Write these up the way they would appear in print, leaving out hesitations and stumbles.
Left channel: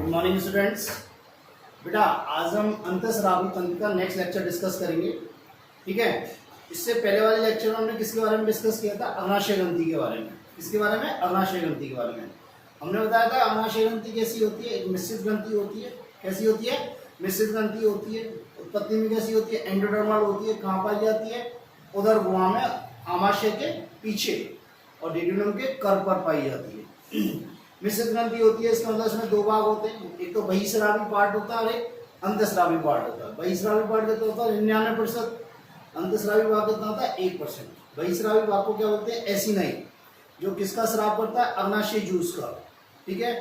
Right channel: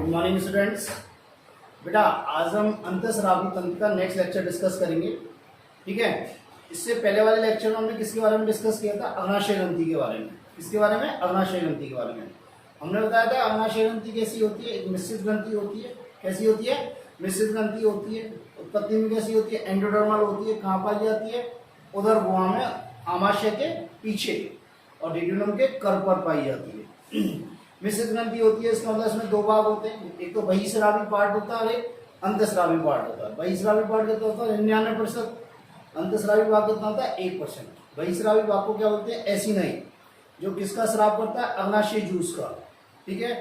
Good morning students. बेटा आज हम अंतःस्रावी तंत्र का नेक्स्ट लेक्चर डिस्कस करेंगे। ठीक है, इससे पहले वाले लेक्चर में हमने किसके बारे में डिस्कस किया था? अग्नाशय ग्रंथि के बारे में। किसके बारे में? अग्नाशय ग्रंथि के बारे में। हमने बताया था अग्नाशय ग्रंथि कैसी होती है? एक मिश्रित ग्रंथि होती है। कैसी होती है? मिश्रित ग्रंथि होती है। उत्पत्ति में कैसी होती है? एंडोडर्मल होती है। कहाँ पाई जाती है? उदर गुहा में, आमाशय के पीछे और डिड्यूनम के कर पर पाई जाती है। मिश्रित ग्रंथि होती है, इसका मतलब इसमें दो भाग होते हैं, एक तो बहिस्रावी पार्ट होता है और एक अंतःस्रावी पार्ट होता है। बहिस्रावी पार्ट कितना होता है? 99%। अंतःस्रावी भाग कितना होता है? 1%। बहिस्रावी भाग को क्या बोलते हैं? ऐसी नहीं, जो किसका स्राव करता है? अग्नाशय जूस का। ठीक है,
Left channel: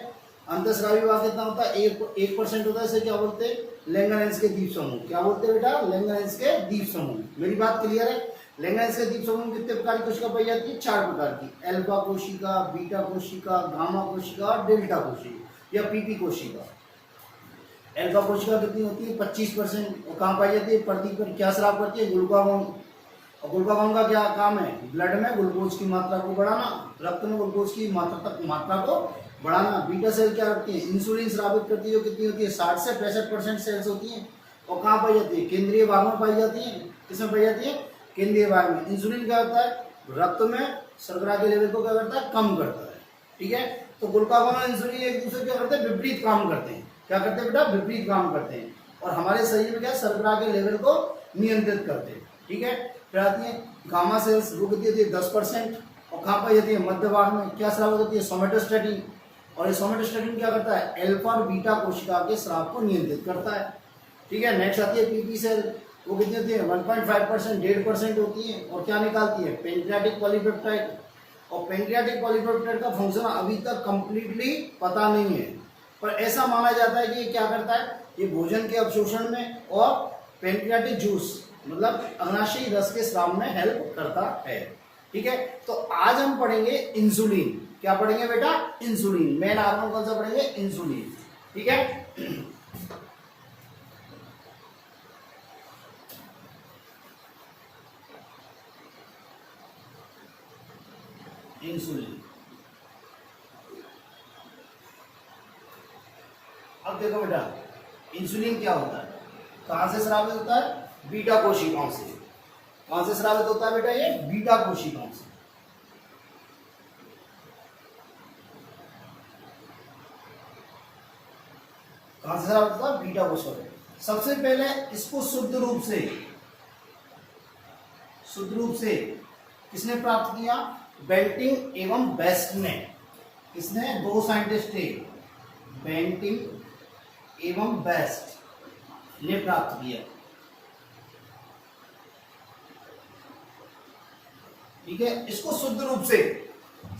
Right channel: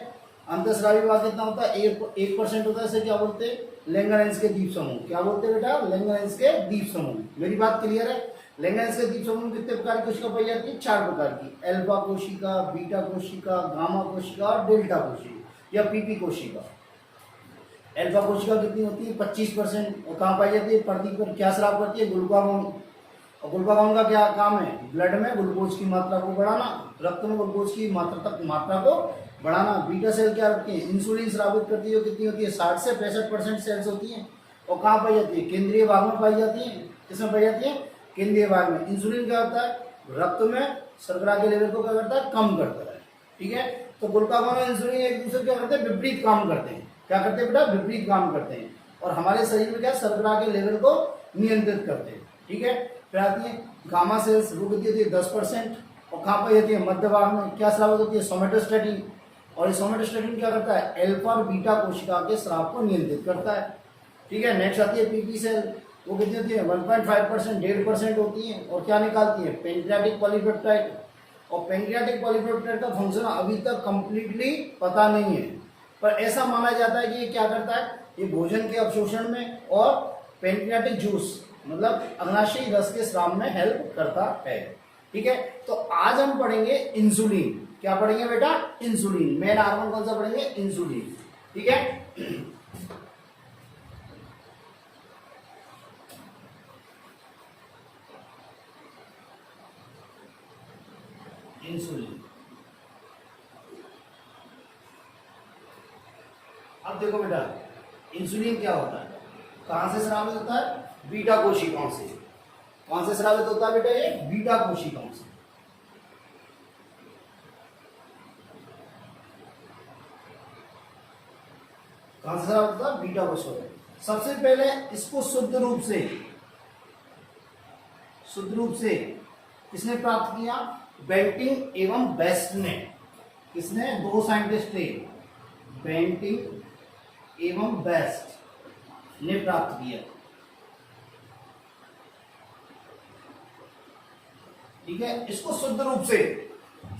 अंतःस्रावी भाग कितना होता है? 1% होता है। इसे क्या बोलते हैं? लैंगरहैंस के द्वीप समूह। क्या बोलते हैं बेटा? लैंगरहैंस के द्वीप समूह। मेरी बात क्लियर है? लैंगरहैंस के द्वीप समूह में कितने प्रकार की कोशिका पाई जाती है? 4 प्रकार की। अल्फा कोशिका, बीटा कोशिका, गामा कोशिका और डेल्टा कोशिका या पीपी कोशिका। अल्फा कोशिका कितनी होती है? 25%। और कहाँ पाई जाती है? प्रति पर क्या स्राव करती है? ग्लूकागोन। और ग्लूकागोन का क्या काम है? ब्लड में ग्लूकोज की मात्रा को बढ़ाना, रक्त में ग्लूकोज की मात्रा को बढ़ाना। बीटा सेल क्या रखती है? इंसुलिन स्रावित करती है, जो कितनी होती है? 60 से 65% सेल्स होती है। और कहाँ पाई जाती है? केंद्रीय भाग में पाई जाती है। किसमें पाई जाती है? केंद्रीय भाग में। इंसुलिन क्या होता है? रक्त में शर्करा के लेवल को क्या करता है? कम करता है। ठीक है, तो ग्लूकागोन और इंसुलिन एक दूसरे क्या करते हैं? विपरीत काम करते हैं। क्या करते हैं बेटा? विपरीत काम करते हैं। और हमारे शरीर में क्या? शर्करा के लेवल को नियंत्रित करते हैं। ठीक है, फिर आती है गामा सेल्स, वो कितनी होती है? 10%। और कहाँ पाई जाती है? मध्य भाग में। क्या स्राव होती है? सोमेटोस्टैटिन। और ये सोमेटोस्टैटिन क्या करता है? अल्फा और बीटा कोशिका के स्राव को नियंत्रित करता है। ठीक है, नेक्स्ट आती है पीपी सेल। वो कितनी होती है? 1.5%, 1.5% होती है। और क्या निकालती है? Pancreatic polypeptide. और पेंक्रियाटिक पॉलीपेप्टाइड का फंक्शन अभी तक कंप्लीटली पता नहीं है, पर ऐसा माना जाता है कि ये क्या करता है? ये भोजन के अवशोषण में और पेंक्रियाटिक जूस मतलब अग्नाशयी रस के स्राव में हेल्प करता है। ठीक है, तो आज हम पढ़ेंगे इंसुलिन। क्या पढ़ेंगे बेटा? इंसुलिन। मेन हार्मोन कौन सा पढ़ेंगे? इंसुलिन। ठीक है, इंसुलिन। अब देखो बेटा, इंसुलिन क्या होता है? कहां से स्रावित होता है? बीटा कोशिकाओं से। कौन से स्रावित होता है बेटा? ये बीटा कोशिकाओं से। कहां से स्रावित होता है? बीटा कोशिकाओं से। सबसे पहले इसको शुद्ध रूप से किसने प्राप्त किया? बेंटिंग एवं बेस्ट ने। किसने? दो साइंटिस्ट थे, बेंटिंग एवं बेस्ट ने प्राप्त किया। ठीक है, इसको शुद्ध रूप से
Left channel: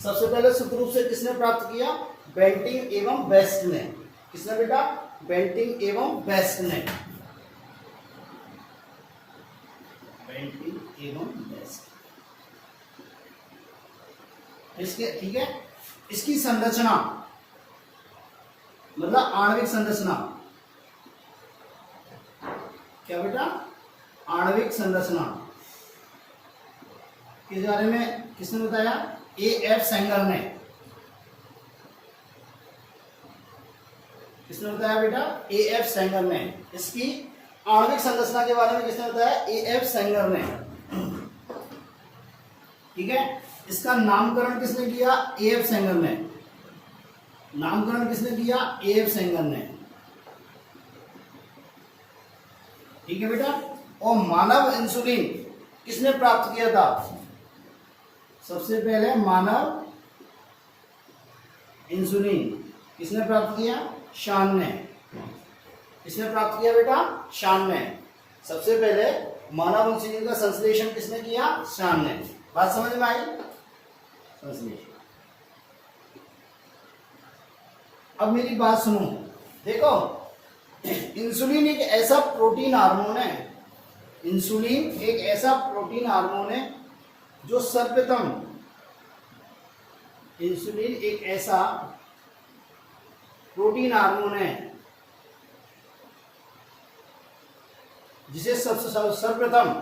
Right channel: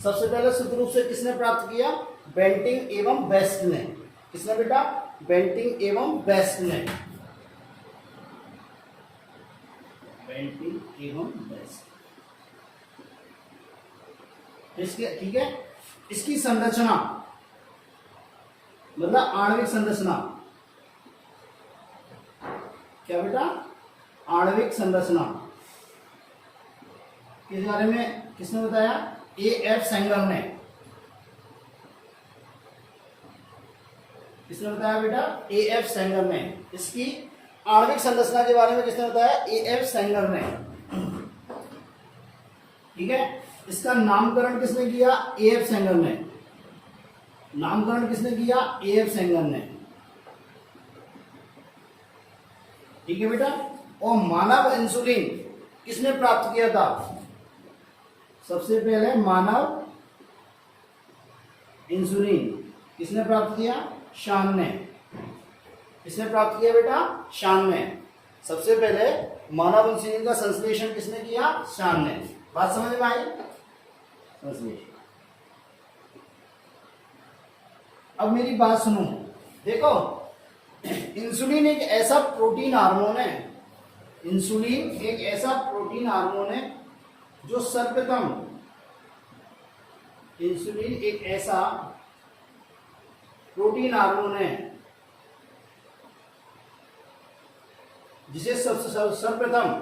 सबसे पहले शुद्ध रूप से किसने प्राप्त किया? बेंटिंग एवं बेस्ट ने। किसने बेटा? बेंटिंग एवं बेस्ट ने। बेंटिंग एवं बेस्ट। इसके ठीक है, इसकी संरचना मतलब आणविक संरचना। क्या बेटा? आणविक संरचना के बारे में किसने बताया? A.F. सेंगर ने। किसने बताया बेटा? A.F. सेंगर ने। इसकी आणविक संरचना के बारे में किसने बताया? A.F. सेंगर ने। ठीक है, इसका नामकरण किसने किया? A.F. सेंगर ने। नामकरण किसने किया? A.F. सेंगर ने। ठीक है बेटा, और मानव इंसुलिन किसने प्राप्त किया था? सबसे पहले मानव इंसुलिन किसने प्राप्त किया? शान ने। किसने प्राप्त किया बेटा? शान ने। सबसे पहले मानव इंसुलिन का संश्लेषण किसने किया? शान ने। बात समझ में आई? संश्लेषण। अब मेरी बात सुनो, देखो इंसुलिन एक ऐसा प्रोटीन हार्मोन है, इंसुलिन एक ऐसा प्रोटीन हार्मोन है जो सर्वप्रथम, इंसुलिन एक ऐसा प्रोटीन हार्मोन है जिसे सर्वप्रथम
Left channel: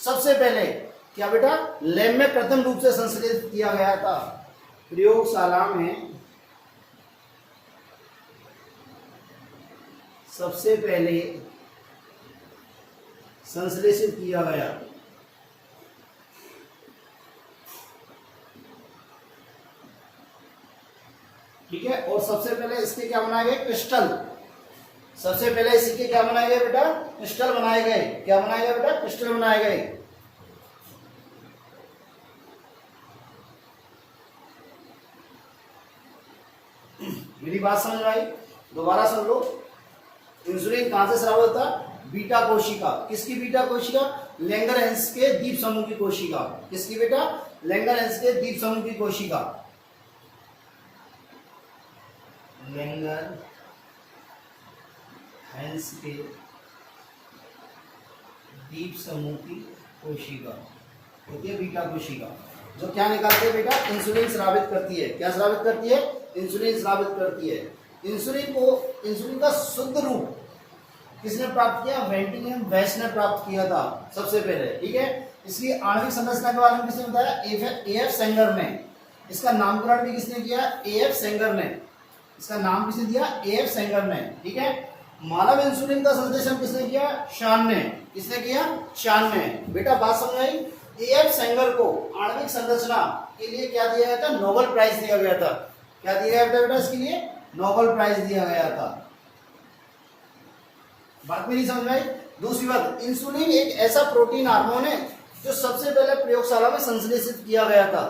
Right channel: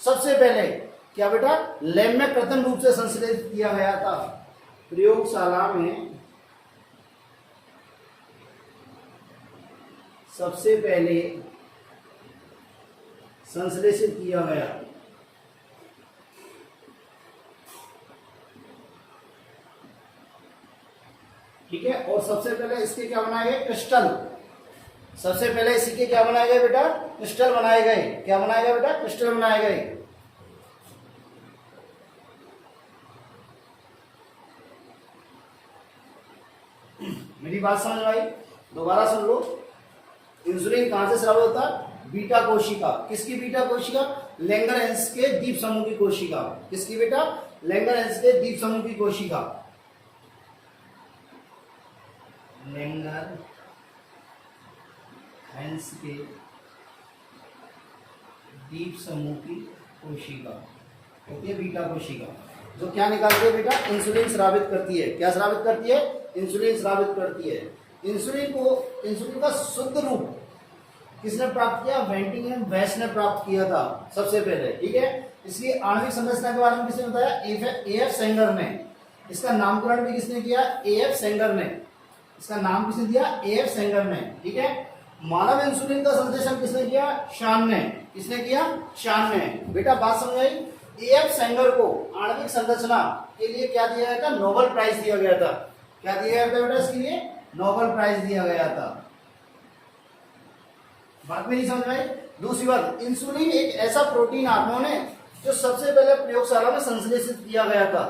सबसे पहले क्या बेटा? लैब में प्रथम रूप से संश्लेषित किया गया था। प्रयोगशाला में सबसे पहले संश्लेषित किया गया, ठीक है। और सबसे पहले इसके क्या बनाए गए, क्रिस्टल। सबसे पहले इसी के क्या बनाए गए बेटा, क्रिस्टल बनाए गए। क्या बनाए गए बेटा, क्रिस्टल बनाए गए। मेरी बात समझ आई, दोबारा सुन लो। इंसुलिन कहां से स्राव होता है, बीटा कोशिका। किसकी बीटा कोशिका, लैंगरहैंस के द्वीप समूह की कोशिका। किसकी बेटा, लैंगरहैंस के द्वीप समूह की कोशिका। लैंगरहैंस के द्वीप समूह की कोशिका होती है बीटा कोशिका, जो क्या निकालती है बेटा, इंसुलिन स्रावित करती है। क्या स्रावित करती है, इंसुलिन स्रावित करती है। इंसुलिन का शुद्ध रूप किसने प्राप्त किया, वेंटिंगम वेस्ट ने प्राप्त किया था सबसे पहले, ठीक है। इसलिए आणविक संरचना के बारे में किसने बताया, एएफ सेंगर ने। इसका नामकरण भी किसने किया, एएफ सेंगर ने। इसका नाम किसने दिया, एएफ सेंगर ने, ठीक है। मानव इंसुलिन का संश्लेषण किसने किया, शान ने। किसने किया, शान ने। बेटा बात समझ आई। एएफ सेंगर को आणविक संरचना के लिए क्या दिया गया था, नोबेल प्राइज दिया गया था। क्या दिया गया था बेटा, इसके लिए नोबेल प्राइज दिया गया था। बात मेरी समझ में आई। दूसरी बात, इंसुलिन एक ऐसा प्रोटीन हार्मोन है जो सबसे पहले प्रयोगशाला में संश्लेषित किया गया था।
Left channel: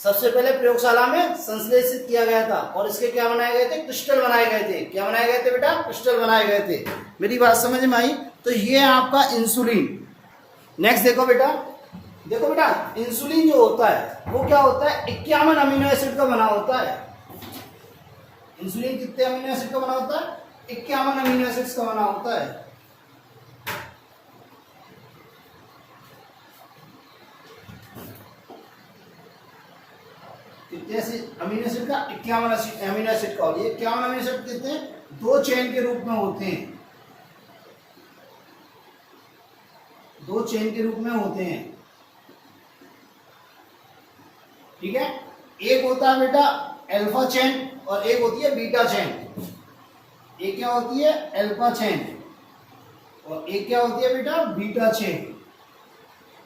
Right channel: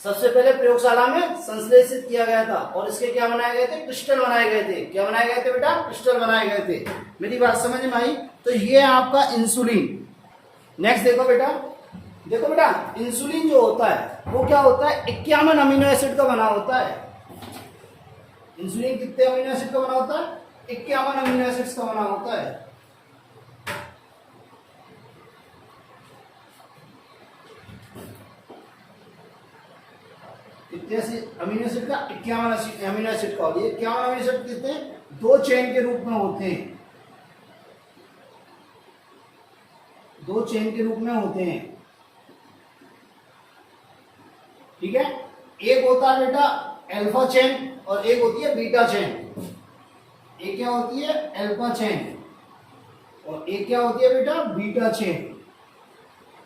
सबसे पहले प्रयोगशाला में संश्लेषित किया गया था। और इसके क्या बनाए गए थे, क्रिस्टल बनाए गए थे। क्या बनाए गए थे बेटा, क्रिस्टल बनाए गए थे। मेरी बात समझ में आई। तो ये है आपका इंसुलिन। नेक्स्ट देखो बेटा, देखो बेटा, इंसुलिन जो होता है वो क्या होता है, 51 अमीनो एसिड का बना होता है। इंसुलिन कितने अमीनो एसिड का बना होता है, 51 अमीनो एसिड्स का बना होता है। कितने अमीनो एसिड का, 51 अमीनो एसिड का। और ये 51 अमीनो एसिड कितने, 2 चेन के रूप में होते हैं। 2 चेन के रूप में होते हैं, ठीक है। एक होता है बेटा अल्फा चेन और एक होती है बीटा चेन। एक क्या होती है, अल्फा चेन, और एक क्या होती है बेटा, बीटा चेन,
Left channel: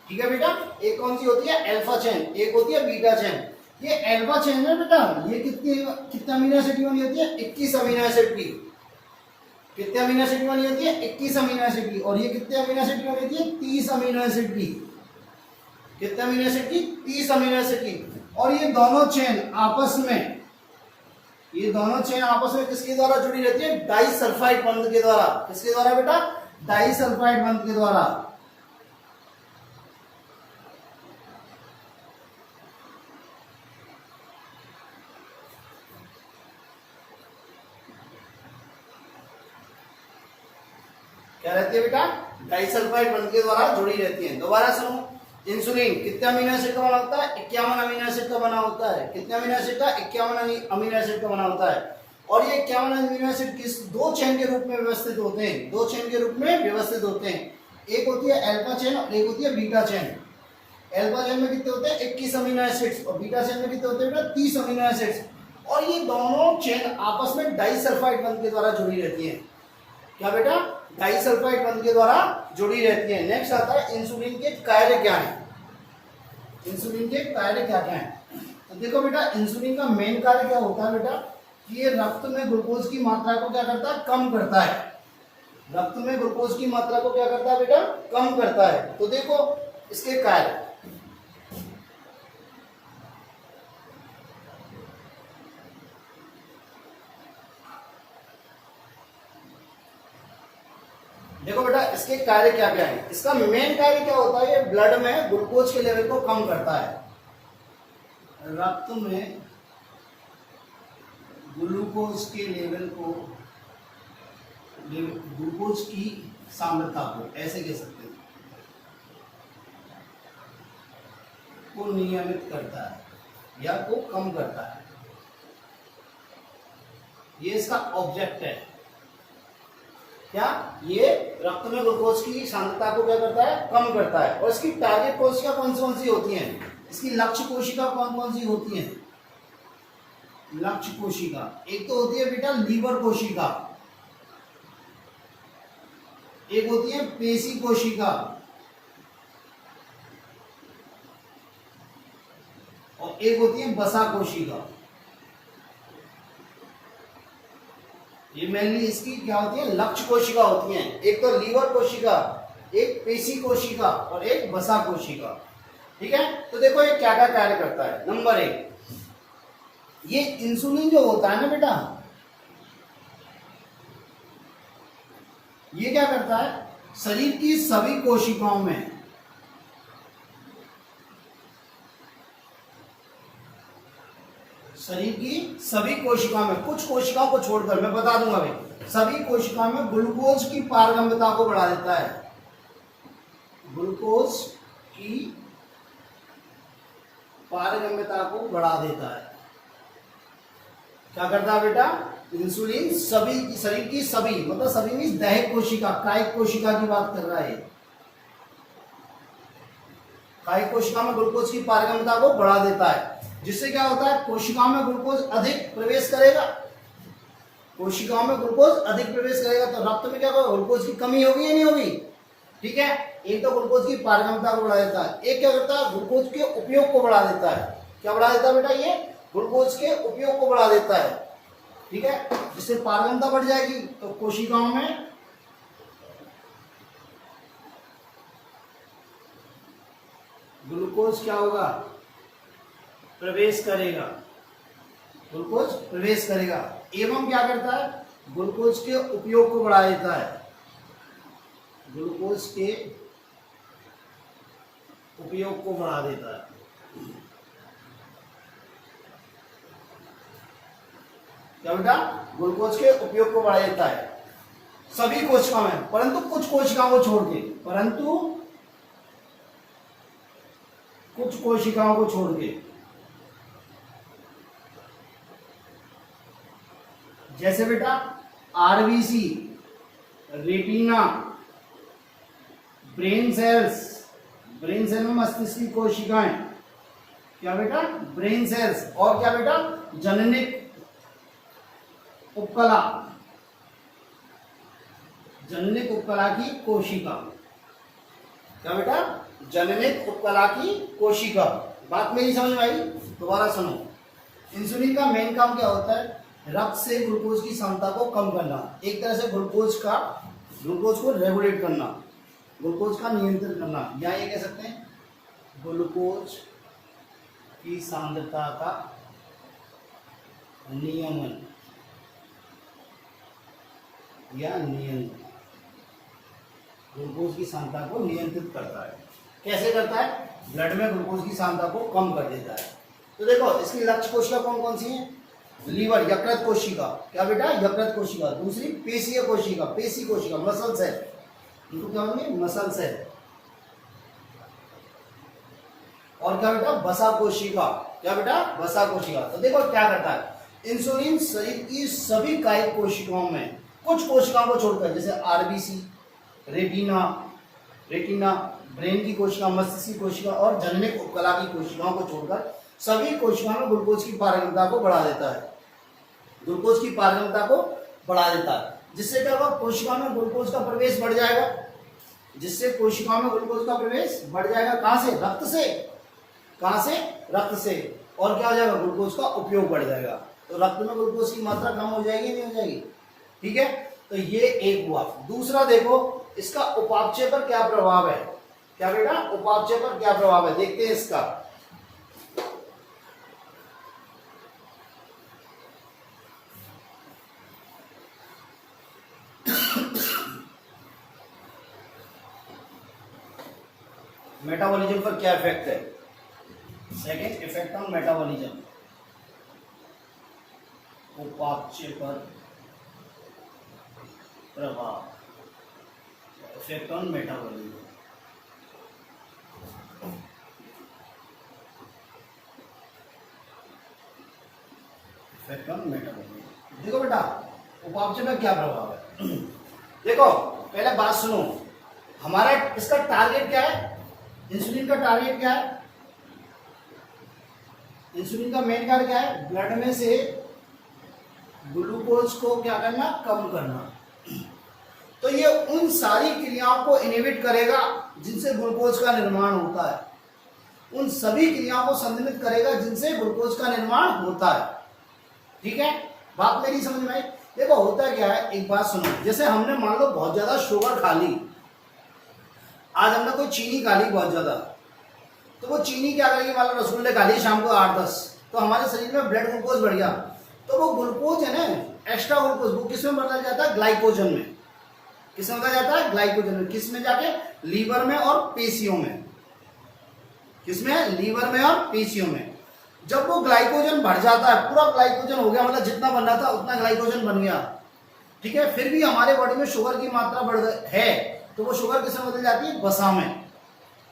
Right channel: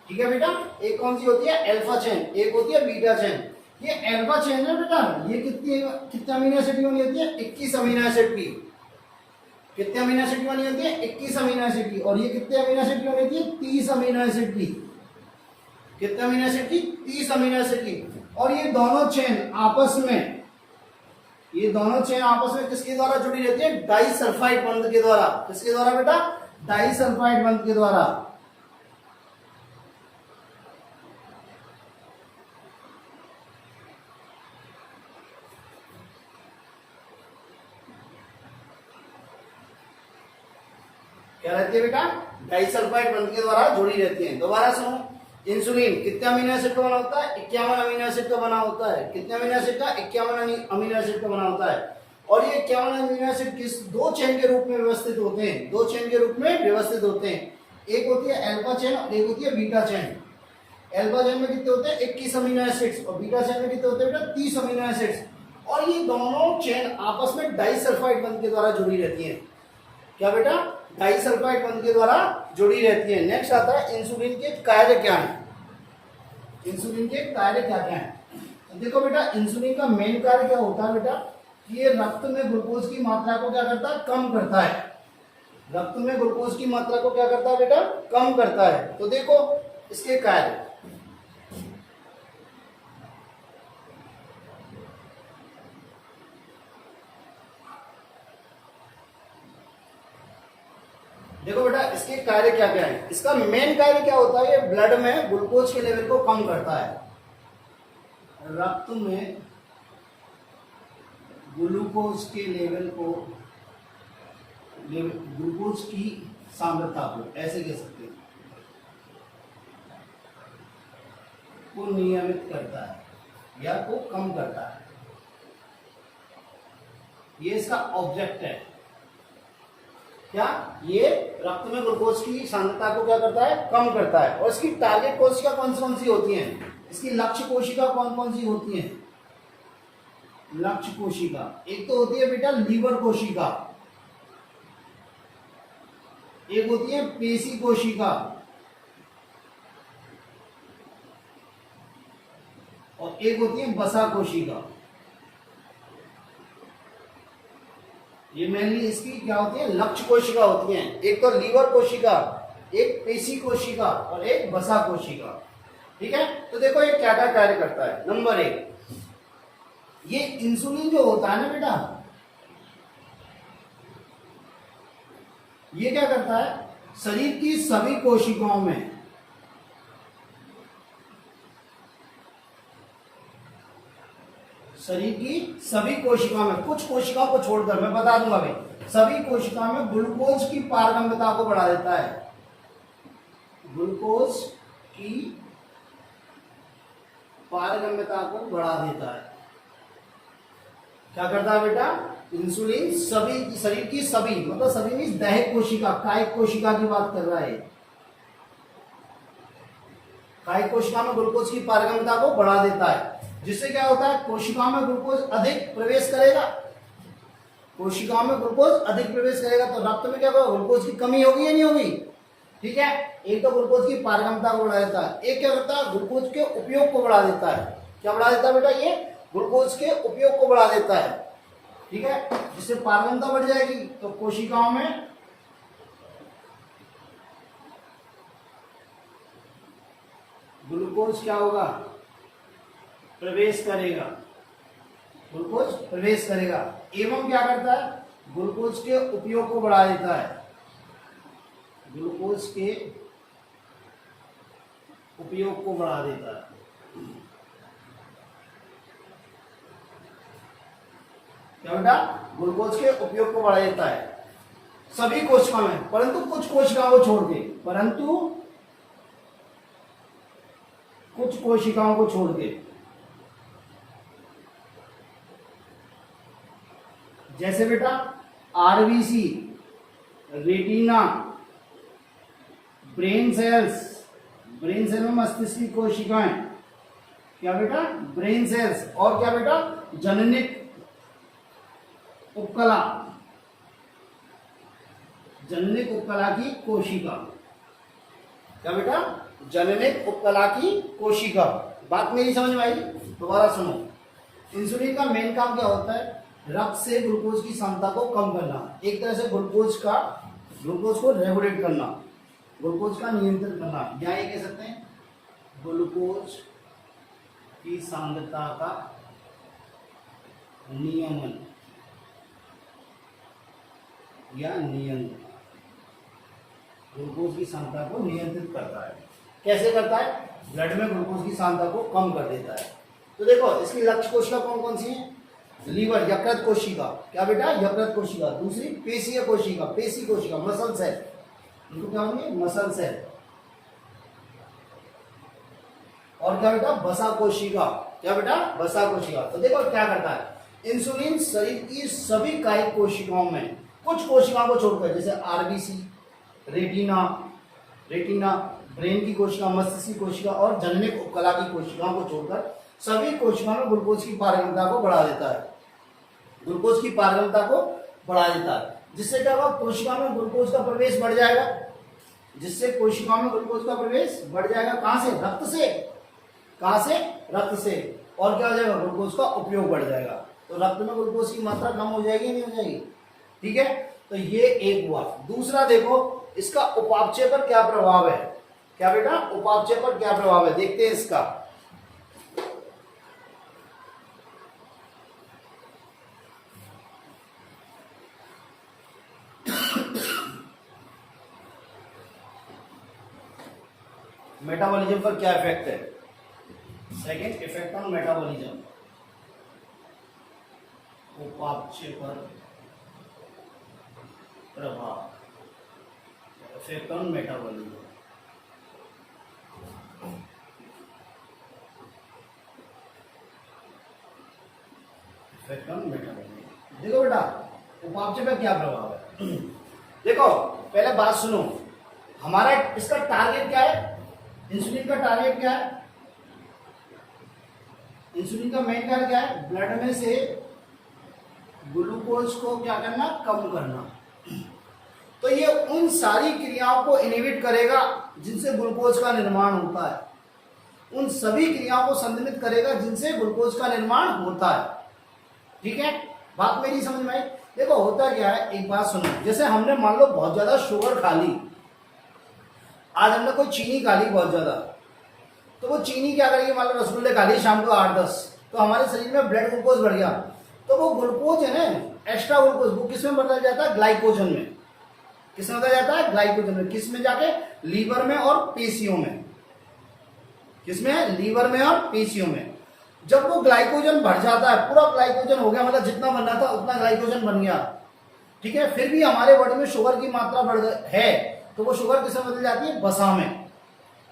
ठीक है बेटा। एक कौन सी होती है, अल्फा चेन, एक होती है बीटा चेन। ये अल्फा चेन है बेटा, ये कितने अमीनो एसिड की बनी होती है, 21 अमीनो एसिड की। कितने अमीनो एसिड की बनी होती है, 21 अमीनो एसिड की। और ये कितने अमीनो एसिड की बनी होती है, 30 अमीनो एसिड की। कितने अमीनो एसिड की, 30 अमीनो एसिड की। और ये दोनों चेन आपस में, ये दोनों चेन आपस में किसके द्वारा जुड़ी रहती है, डाइसल्फाइड बंध के द्वारा। किसके द्वारा बेटा, डाइसल्फाइड बंध के द्वारा। क्या रहती है बेटा, डाइसल्फाइड बंध के द्वारा जुड़ी रहती है। दोबारा सुनो, इंसुलिन कितने अमीनो एसिड का बना होता है, 51 अमीनो एसिड का बना होता है। कितने अमीनो एसिड का, 51 अमीनो एसिड का बना होता है। और ये 51 अमीनो एसिड किस 2 चेन के रूप में व्यवस्थित होते हैं। 2 चेन के रूप में व्यवस्थित होते हैं। एक होती है अल्फा चेन और एक होती है बीटा चेन। अल्फा चेन में कितने होते हैं, 21 अमीनो एसिड्स, और बीटा चेन में कितने होते हैं बेटा, 30 अमीनो एसिड्स। और ये दोनों चेन आपस में डाइसल्फाइड बंध के द्वारा जुड़ी रहती है। क्या बेटा, डाइसल्फाइड बंध के द्वारा जुड़ी रहती है। नेक्स्ट आता है इंसुलिन के कार्य क्या है। इंसुलिन के कार्य क्या क्या है, तो देखो बेटा, इंसुलिन का मेन कार्य क्या होता है बेटा, ये रक्त में ग्लूकोज की मात्रा को क्या करता है, कम करता है। रक्त में ग्लूकोज की मात्रा को क्या करता है बेटा, कम करता है। तो देखो इसके कार्य, देखो बेटा इसके कार्य क्या क्या है। इसका मेन कार्य क्या होता है, ये ब्लड में ग्लूकोज के लेवल को कम करता है। रक्त में ग्लूकोज के लेवल को, ग्लूकोज की सांद्रता को, ऐसे कह सकते हैं, को नियमित करता है या को कम करता है। ये इसका ऑब्जेक्ट है। क्या, ये रक्त में ग्लूकोज की सांद्रता को क्या करता है, कम करता है। और इसकी टारगेट कोशिका कौन सी होती हैं, इसकी लक्ष्य कोशिका कौन सी होती हैं। लक्ष्य कोशिका एक तो होती है बेटा लीवर कोशिका, एक होती है पेशी कोशिका और एक होती है वसा कोशिका। ये मेनली इसकी क्या होती है, लक्ष्य कोशिका होती हैं। एक तो लीवर कोशिका, एक पेशी कोशिका और एक वसा कोशिका। ठीक है, तो देखो ये क्या क्या कार्य करता है। नंबर 1, ये इंसुलिन जो होता है ना बेटा, ये क्या करता है, शरीर की सभी कोशिकाओं में, शरीर की सभी कोशिकाओं में, कुछ कोशिकाओं को छोड़कर, मैं बता दूंगा अभी, सभी कोशिकाओं में ग्लूकोज की पारगम्यता को बढ़ा देता है। ग्लूकोज की पारगम्यता को बढ़ा देता है। क्या करता है बेटा, इंसुलिन सभी, शरीर की सभी, मतलब सभी मीन्स दैहिक कोशिका, कायिक कोशिका की बात कर रहा है। कायिक कोशिका में ग्लूकोज की पारगम्यता को बढ़ा देता है, जिससे क्या होता है, कोशिकाओं में ग्लूकोज अधिक प्रवेश करेगा। कोशिकाओं में ग्लूकोज अधिक प्रवेश करेगा तो रक्त में क्या होगा, ग्लूकोज की कमी होगी या नहीं होगी। ठीक है, एक तो ग्लूकोज की पारगम्यता को बढ़ा देता है, एक क्या करता है, ग्लूकोज के उपयोग को बढ़ा देता है। क्या बढ़ा देता है बेटा, ये ग्लूकोज के उपयोग को बढ़ा देता है। ठीक है, जिससे पारगम्यता बढ़ जाएगी तो कोशिकाओं में ग्लूकोज क्या होगा, प्रवेश करेगा। ग्लूकोज प्रवेश करेगा एवं क्या करता है, ग्लूकोज के उपयोग को बढ़ा देता है। ग्लूकोज के उपयोग को बढ़ा देता है। क्या बेटा, ग्लूकोज के उपयोग को बढ़ा देता है सभी कोशिकाओं में, परंतु कुछ कोशिकाओं को छोड़ के, परंतु कुछ कोशिकाओं को छोड़ के। जैसे बेटा RBC, retina, brain cells, brain cell में मस्तिष्क की कोशिकाएं, क्या बेटा, ब्रेन सेल्स, और क्या बेटा, जननिक उपकला, जननिक उपकला की कोशिका। क्या बेटा, जननिक उपकला की कोशिका। बात मेरी समझ में आई, दोबारा सुनो। इंसुलिन का मेन काम क्या होता है, रक्त से ग्लूकोज की क्षमता को कम करना, एक तरह से ग्लूकोज को रेगुलेट करना, ग्लूकोज का नियंत्रण करना, या ये कह सकते हैं ग्लूकोज की सांद्रता का नियमन या नियंत्रण। ग्लूकोज की सांद्रता को नियंत्रित करता है। कैसे करता है, ब्लड में ग्लूकोज की सांद्रता को कम कर देता है। तो देखो इसकी लक्ष्य कोशिका कौन कौन सी है, लीवर, यकृत कोशिका, क्या बेटा, यकृत कोशिका। दूसरी पेशीय कोशिका, पेशी कोशिका, मसल सेल, इनको क्या बोलेंगे, मसल सेल। और क्या बेटा, वसा कोशिका, क्या बेटा, वसा कोशिका। तो देखो क्या करता है, इंसुलिन शरीर की सभी कायिक कोशिकाओं में, कुछ कोशिकाओं को छोड़कर, जैसे आरबीसी, रेटिना, ब्रेन की कोशिका, मस्तिष्क की कोशिका और जननिक उपकला की कोशिकाओं को छोड़कर सभी कोशिकाओं में ग्लूकोज की पारगम्यता को बढ़ा देता है। ग्लूकोज की पारगम्यता को बढ़ा देता है, जिससे क्या होगा, कोशिका में ग्लूकोज का प्रवेश बढ़ जाएगा। जिससे कोशिकाओं में ग्लूकोज का प्रवेश बढ़ जाएगा, कहां से, रक्त से, कहां से, रक्त से। और क्या हो जाएगा, ग्लूकोज का उपयोग बढ़ जाएगा, तो रक्त में ग्लूकोज की मात्रा कम हो जाएगी, नहीं हो जाएगी। ठीक है, तो ये एक हुआ। दूसरा देखो इसका उपापचय पर क्या प्रभाव है। क्या बेटा, उपापचय पर क्या प्रभाव है, देखते हैं इसका। मेटाबॉलिज्म पर क्या इफेक्ट है, सेकेंड इफेक्ट ऑन मेटाबॉलिज्म, उपापचय पर प्रभाव, effect on metabolism. Effect on metabolism. देखो बेटा उपापचय पर क्या प्रभाव है। देखो पहले बात सुनो, हमारा इसका टारगेट क्या है, इंसुलिन का टारगेट क्या है, इंसुलिन का मेन कार्य क्या है, ब्लड में से ग्लूकोज को क्या करना, कम करना। तो ये उन सारी क्रियाओं को इनहिबिट करेगा जिनसे ग्लूकोज का निर्माण होता है, उन सभी क्रियाओं को संदमित करेगा जिनसे ग्लूकोज का निर्माण होता है। ठीक है, बात मेरी समझ में आई। देखो होता क्या है, एक बात सुनो, जैसे हमने मान लो बहुत ज्यादा शुगर खा ली, आज हमने कोई चीनी खा ली बहुत ज्यादा, तो वो चीनी क्या करेगी, मान लो रसगुल्ले खा लिए शाम को 8-10, तो हमारे शरीर में ब्लड ग्लूकोज बढ़ गया, तो वो ग्लूकोज है ना, एक्स्ट्रा ग्लूकोज, वो किस में बदल जाता है, ग्लाइकोजन में। किस में बदल जाता है, ग्लाइकोजन में। किस में जाके, लीवर में और पेशियों में। किसमें, लीवर में और पेशियों में। जब वो ग्लाइकोजन बढ़ जाता है, पूरा ग्लाइकोजन हो गया, मतलब जितना बनना था उतना ग्लाइकोजन बन गया, ठीक है, फिर भी हमारे बॉडी में शुगर की मात्रा बढ़ है, तो वो शुगर किस में बदल जाती है, वसा में।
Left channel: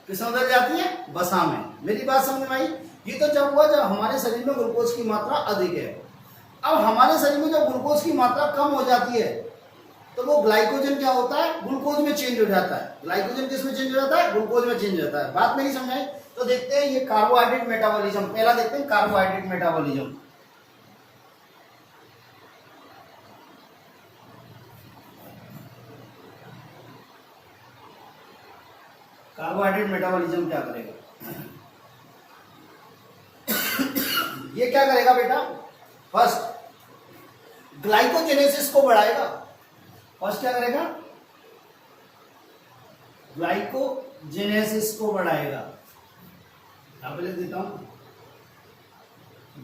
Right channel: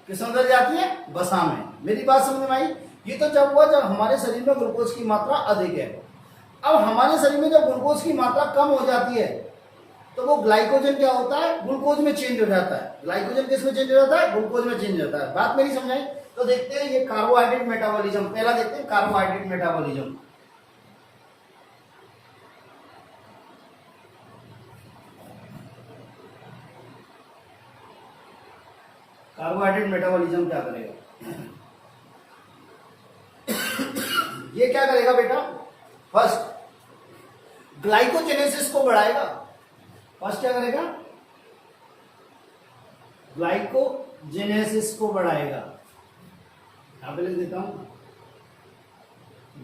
किस में बदल जाती है, वसा में। मेरी बात समझ में आई। ये तो जब हुआ जब हमारे शरीर में ग्लूकोज की मात्रा अधिक है। अब हमारे शरीर में जब ग्लूकोज की मात्रा कम हो जाती है, तो वो ग्लाइकोजन क्या होता है, ग्लूकोज में चेंज हो जाता है। ग्लाइकोजन किस में चेंज हो जाता है, ग्लूकोज में चेंज हो जाता है। बात मेरी समझाई। तो देखते हैं ये कार्बोहाइड्रेट मेटाबॉलिज्म, पहला देखते हैं कार्बोहाइड्रेट मेटाबॉलिज्म। कार्बोहाइड्रेट मेटाबॉलिज्म क्या करेगा, ये क्या करेगा बेटा, फर्स्ट ग्लाइकोजेनेसिस को बढ़ाएगा। फर्स्ट क्या करेगा, ग्लाइकोजेनेसिस को बढ़ाएगा। यहां पे लिख देता हूं,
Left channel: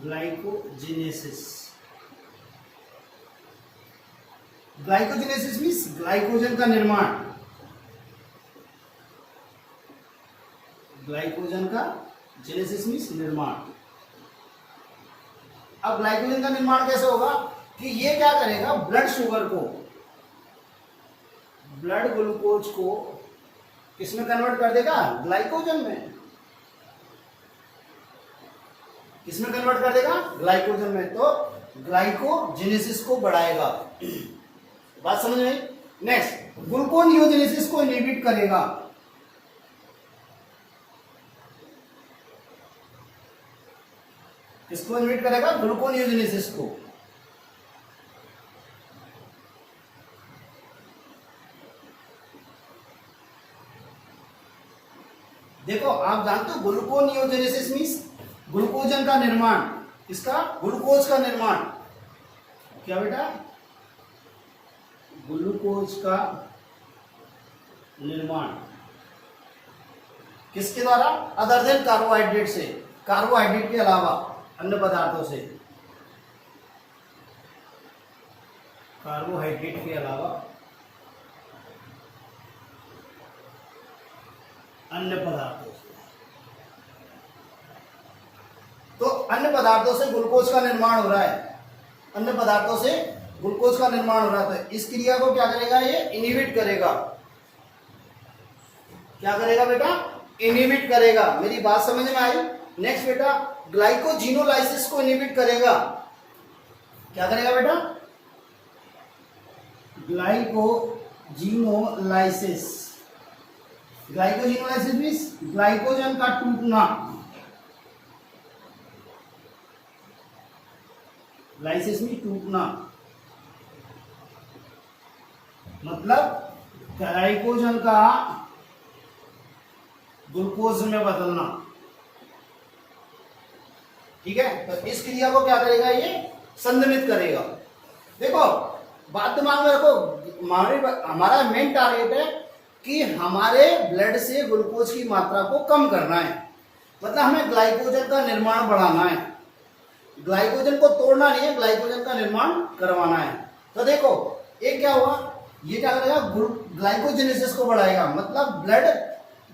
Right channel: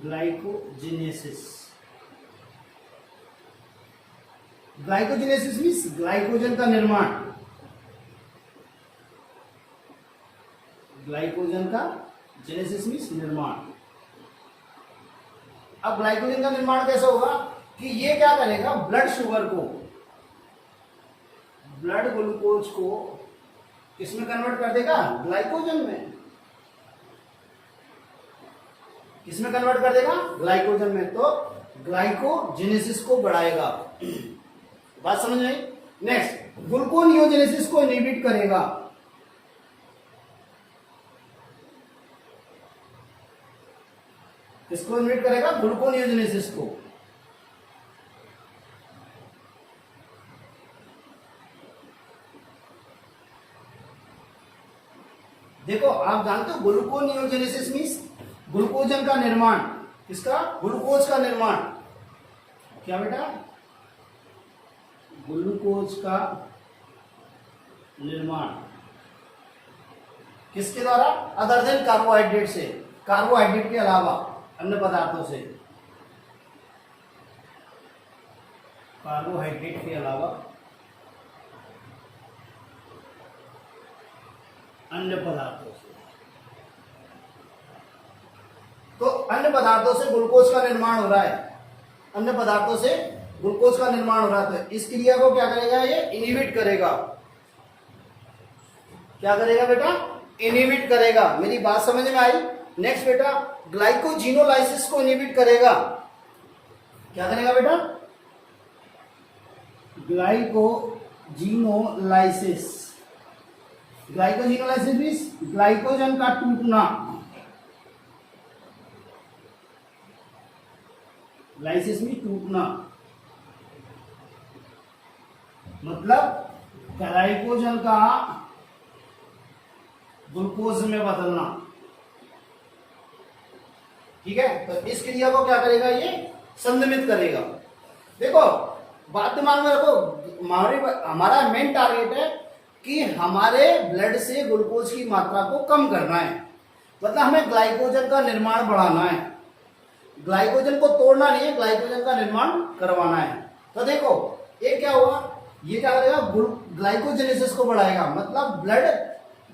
ग्लाइकोजेनेसिस। ग्लाइकोजेनेसिस मीन्स ग्लाइकोजन का निर्माण। ग्लाइकोजन का जेनेसिस मीन्स निर्माण। अब ग्लाइकोजन का निर्माण कैसे होगा कि ये क्या करेगा, ब्लड शुगर को, ब्लड ग्लूकोज को किसमें कन्वर्ट कर देगा, ग्लाइकोजन में। किसमें कन्वर्ट कर देगा, ग्लाइकोजन में। तो ग्लाइकोजेनेसिस को बढ़ाएगा। बात समझ में। नेक्स्ट, ग्लूकोनियोजेनेसिस को इनहिबिट करेगा। किसको इनहिबिट करेगा, ग्लूकोनियोजेनेसिस को। देखो आप जानते हो ग्लूकोनियोजेनेसिस मीन्स ग्लूकोजन का निर्माण। किसका, ग्लूकोज का निर्माण। क्या बेटा, ग्लूकोज का निर्माण किसके द्वारा, अदर देन कार्बोहाइड्रेट से, कार्बोहाइड्रेट के अलावा अन्य पदार्थों से, कार्बोहाइड्रेट के अलावा अन्य पदार्थों से। तो अन्य पदार्थों से ग्लूकोज का निर्माण हो रहा है, अन्य पदार्थों से ग्लूकोज का निर्माण हो रहा है। तो इस क्रिया को क्या करेगा, ये इनहिबिट करेगा। क्या करेगा बेटा, इनहिबिट करेगा। मेरी बात समझ में आई। नेक्स्ट बेटा, ग्लाइकोजिनोलाइसिस को इनहिबिट करेगा। क्या करेगा बेटा, ग्लाइकोजिनोलाइसिस। ग्लाइकोजिनोलाइसिस मीन्स ग्लाइकोजन का टूटना। लाइसिस में टूटना मतलब ग्लाइकोजन का ग्लूकोज में बदलना। ठीक है, तो इस क्रिया को क्या करेगा, ये संदमित करेगा। देखो बात दिमाग में रखो, हमारा मेन टारगेट है कि हमारे ब्लड से ग्लूकोज की मात्रा को कम करना है, मतलब हमें ग्लाइकोजन का निर्माण बढ़ाना है। ग्लाइकोजन को तोड़ना नहीं है, ग्लाइकोजन का निर्माण करवाना है। तो देखो ये क्या हुआ, ये क्या करेगा, ग्लाइकोजेनेसिस को बढ़ाएगा, मतलब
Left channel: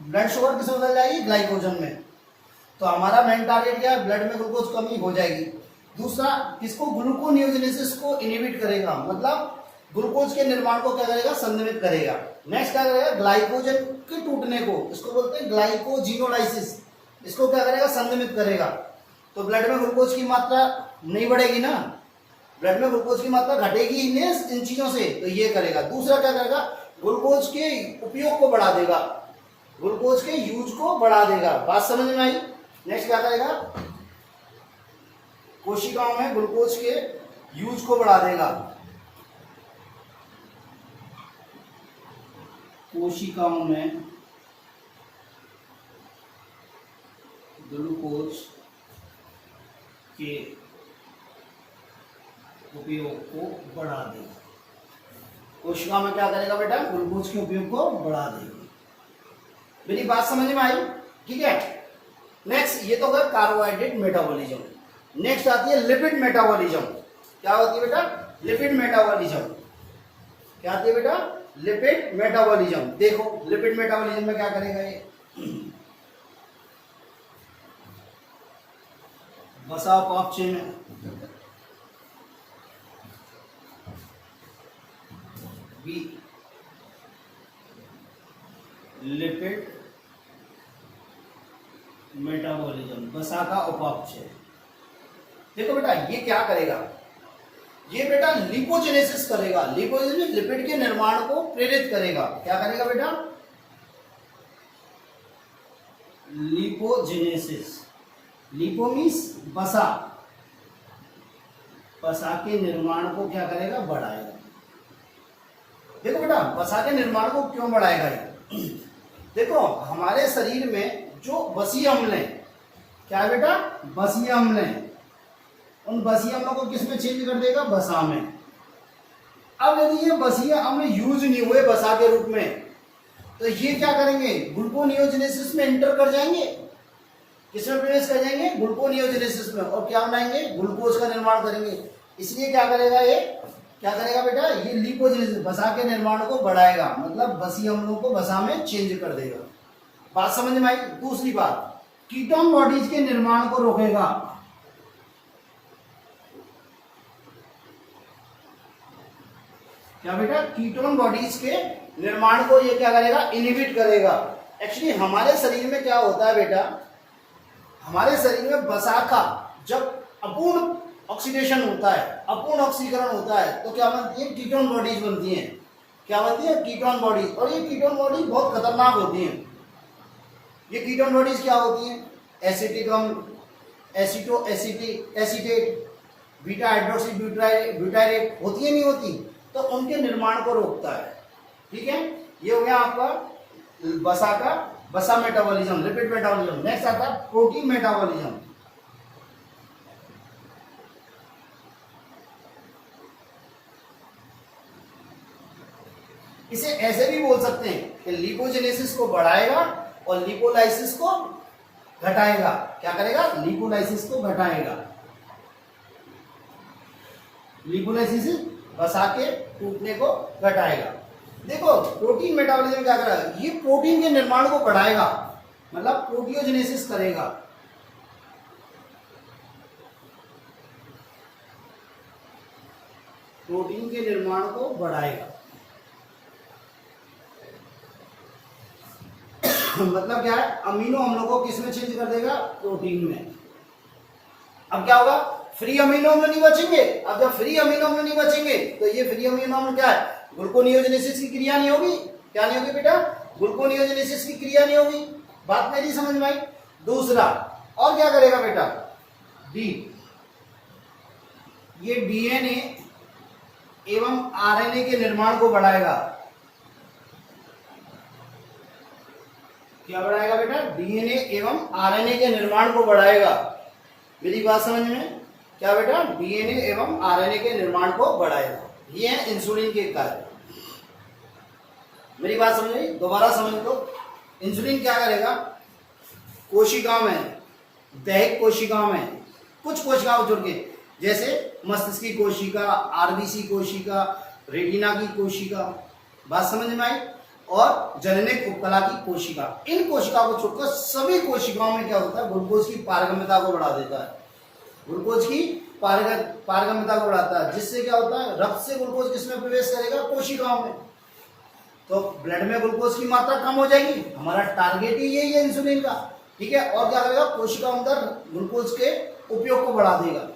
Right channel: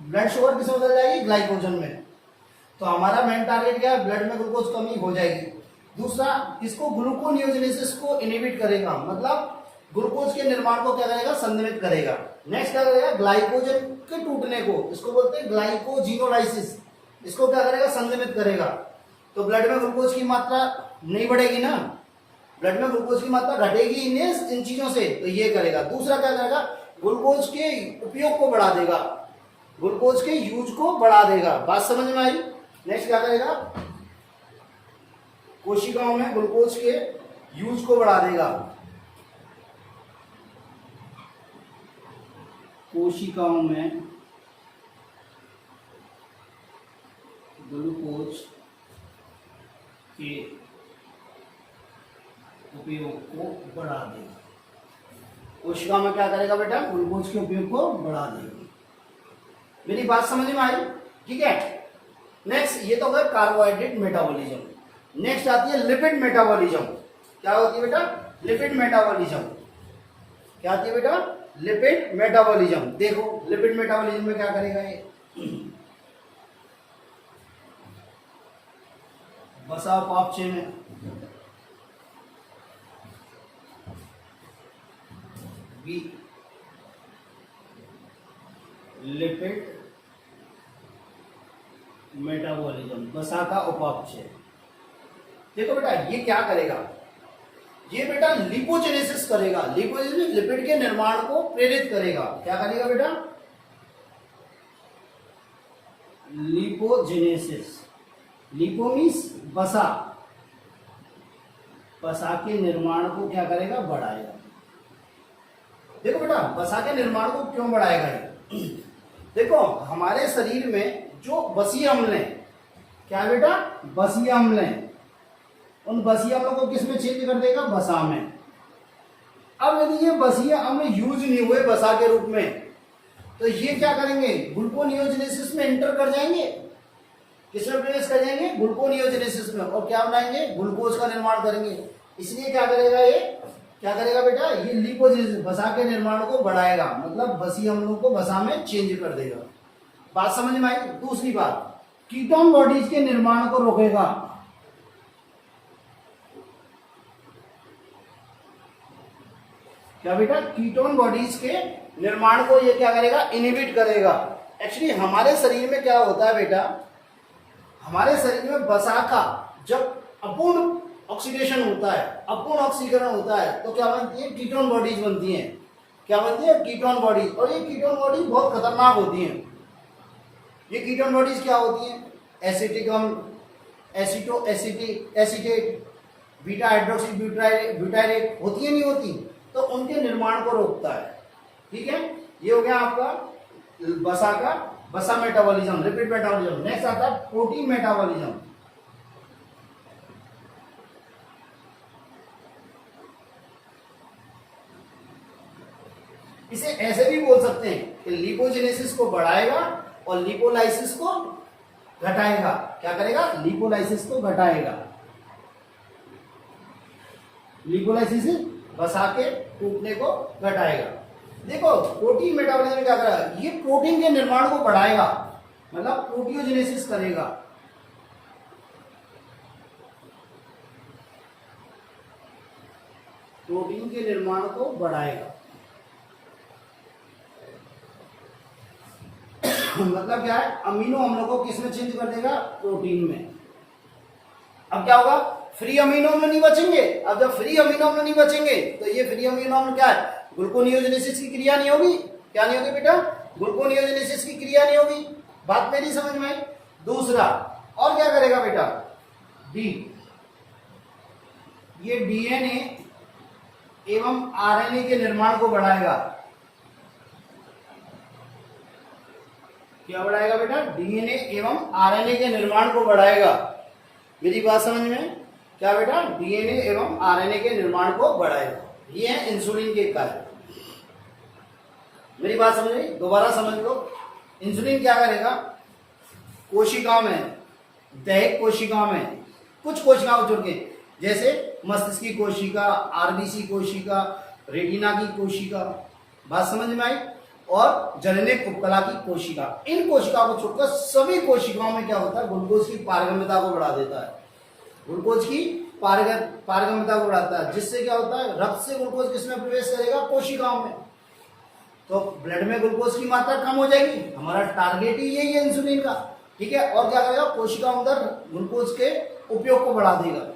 ब्लड शुगर किसमें बदल जाएगी, ग्लाइकोजन में। तो हमारा मेन टारगेट क्या है, ब्लड में ग्लूकोज कमी हो जाएगी। दूसरा, इसको ग्लूकोनियोजेनेसिस को इनहिबिट करेगा, मतलब ग्लूकोज के निर्माण को क्या करेगा, संदमित करेगा। नेक्स्ट क्या करेगा, ग्लाइकोजन के टूटने को, इसको बोलते हैं ग्लाइकोजिनोलाइसिस, इसको क्या करेगा, संदमित करेगा। तो ब्लड में ग्लूकोज की मात्रा नहीं बढ़ेगी ना, ब्लड में ग्लूकोज की मात्रा घटेगी इन चीजों से, तो ये करेगा। दूसरा क्या करेगा, ग्लूकोज के उपयोग को बढ़ा देगा, ग्लूकोज के यूज को बढ़ा देगा। बात समझ में आई। नेक्स्ट क्या करेगा, कोशिकाओं में ग्लूकोज के यूज को बढ़ा देगा। कोशिकाओं में ग्लूकोज के उपयोग को बढ़ा देगा। कोशिका में क्या करेगा बेटा? ग्लूकोज के उपयोग को बढ़ा देगा। मेरी बात समझ में आई? ठीक है। नेक्स्ट, ये तो हो गया कार्बोहाइड्रेट मेटाबॉलिज्म। नेक्स्ट आती है लिपिड मेटाबॉलिज्म। क्या होती है बेटा? Lipid metabolism. क्या आती है बेटा? Lipid metabolism. देखो लिपिड मेटाबॉलिज्म में क्या करेगा ये? बसा पापचे में भी लिपिड मेटाबॉलिज्म, बसा का उपापचय। देखो बेटा ये क्या करेगा? ये बेटा लिपोजेनेसिस करेगा। लिपोजेनेसिस लिपिड के निर्माण को प्रेरित करेगा। क्या करेगा बेटा? लिपोजेनेसिस। लिपो मीन्स बसा, बसा के निर्माण को क्या करेगा? बढ़ाएगा। देखो बेटा बसा के निर्माण को क्यों बढ़ाएगा ये? देखो हमारे शरीर में जो बसीय अम्ल है, क्या है बेटा? बसीय अम्ल है। उन बसीय अम्लों को किस में चेंज कर देगा? बसा में। अब यदि ये बसीय अम्ल यूज नहीं हुए बसा के रूप में, तो ये क्या करेंगे? ग्लूकोनियोजेनेसिस में इंटर कर जाएंगे। किसमें प्रवेश कर जाएंगे? ग्लूकोनियोजेनेसिस में। और क्या बनाएंगे? ग्लूकोज का निर्माण करेंगे। इसलिए क्या करेगा ये? क्या करेगा बेटा? ये लिपोजेनेसिस बसा के निर्माण को बढ़ाएगा, मतलब बसीय अम्लों को बसा में चेंज कर देगा। बात समझ में आई? दूसरी बात, कीटोन बॉडीज के निर्माण को रोकेगा। क्या बेटा? कीटोन बॉडीज के निर्माण को ये क्या करेगा? इनहिबिट करेगा। एक्चुअली हमारे शरीर में क्या होता है बेटा? हमारे शरीर में बसा का जब अपूर्ण ऑक्सीडेशन होता है, अपूर्ण ऑक्सीकरण होता है, तो क्या बनती है? कीटोन बॉडीज बनती हैं। क्या बनती है? Ketone body. और ये कीटोन बॉडी बहुत खतरनाक होती हैं। ये कीटोन बॉडीज क्या होती हैं? एसिटिक अम्ल, acetoacetic acetate, beta hydroxy butyrate होती है, नहीं होती? तो उनके निर्माण को रोकता है। ठीक है, ये हो गया आपका बसा का बसा मेटाबॉलिज्म, लिपिड मेटाबॉलिज्म। नेक्स्ट आता है प्रोटीन मेटाबॉलिज्म। इसे ऐसे भी बोल सकते हैं कि लिपोजेनेसिस को बढ़ाएगा और लिपोलाइसिस को घटाएगा। क्या करेगा? लिपोलाइसिस को घटाएगा। लिपोलाइसिस बसा के टूटने को घटाएगा। देखो प्रोटीन मेटाबॉलिज्म क्या करेगा? ये प्रोटीन के निर्माण को बढ़ाएगा, मतलब प्रोटियोजेनेसिस करेगा। प्रोटीन के निर्माण को बढ़ाएगा। मतलब क्या है? अमीनो अम्लों को किस में चेंज कर देगा? प्रोटीन में। अब क्या होगा? फ्री अमीनो अम्ल नहीं बचेंगे। अब जब फ्री अमीनो अम्ल नहीं बचेंगे तो ये फ्री अमीनो अम्ल क्या है? ग्लूकोनियोजेनेसिस की क्रिया नहीं होगी। क्या नहीं होगी बेटा? ग्लूकोनियोजेनेसिस की क्रिया नहीं होगी। बात मेरी समझ में आई? दूसरा और क्या करेगा बेटा? डी, ये डीएनए एवं आरएनए के निर्माण को बढ़ाएगा। क्या बढ़ाएगा बेटा? डीएनए एवं आरएनए के निर्माण को बढ़ाएगा। मेरी बात समझ में? क्या बेटा? डीएनए एवं आरएनए के निर्माण को बढ़ाएगा। ये है इंसुलिन के कार्य। मेरी बात समझ में? दोबारा समझ लो। इंसुलिन क्या करेगा? कोशिकाओं में, दैहिक कोशिकाओं में कुछ कोशिकाओं जुड़ के, जैसे मस्तिष्क की कोशिका, आरबीसी कोशिका, रेटिना की कोशिका, बात समझ में आई? और जननिक उपकला की कोशिका, इन कोशिकाओं को छोड़कर सभी कोशिकाओं में क्या होता है? ग्लूकोज की पारगम्यता को बढ़ा देता है। ग्लूकोज की पारगम्यता को बढ़ाता है, जिससे क्या होता है? रक्त से ग्लूकोज किसमें प्रवेश करेगा? कोशिकाओं में। तो ब्लड में ग्लूकोज की मात्रा कम हो जाएगी। हमारा टारगेट ही यही है इंसुलिन का। ठीक है, और क्या करेगा? कोशिका अंदर ग्लूकोज के उपयोग को बढ़ा देगा।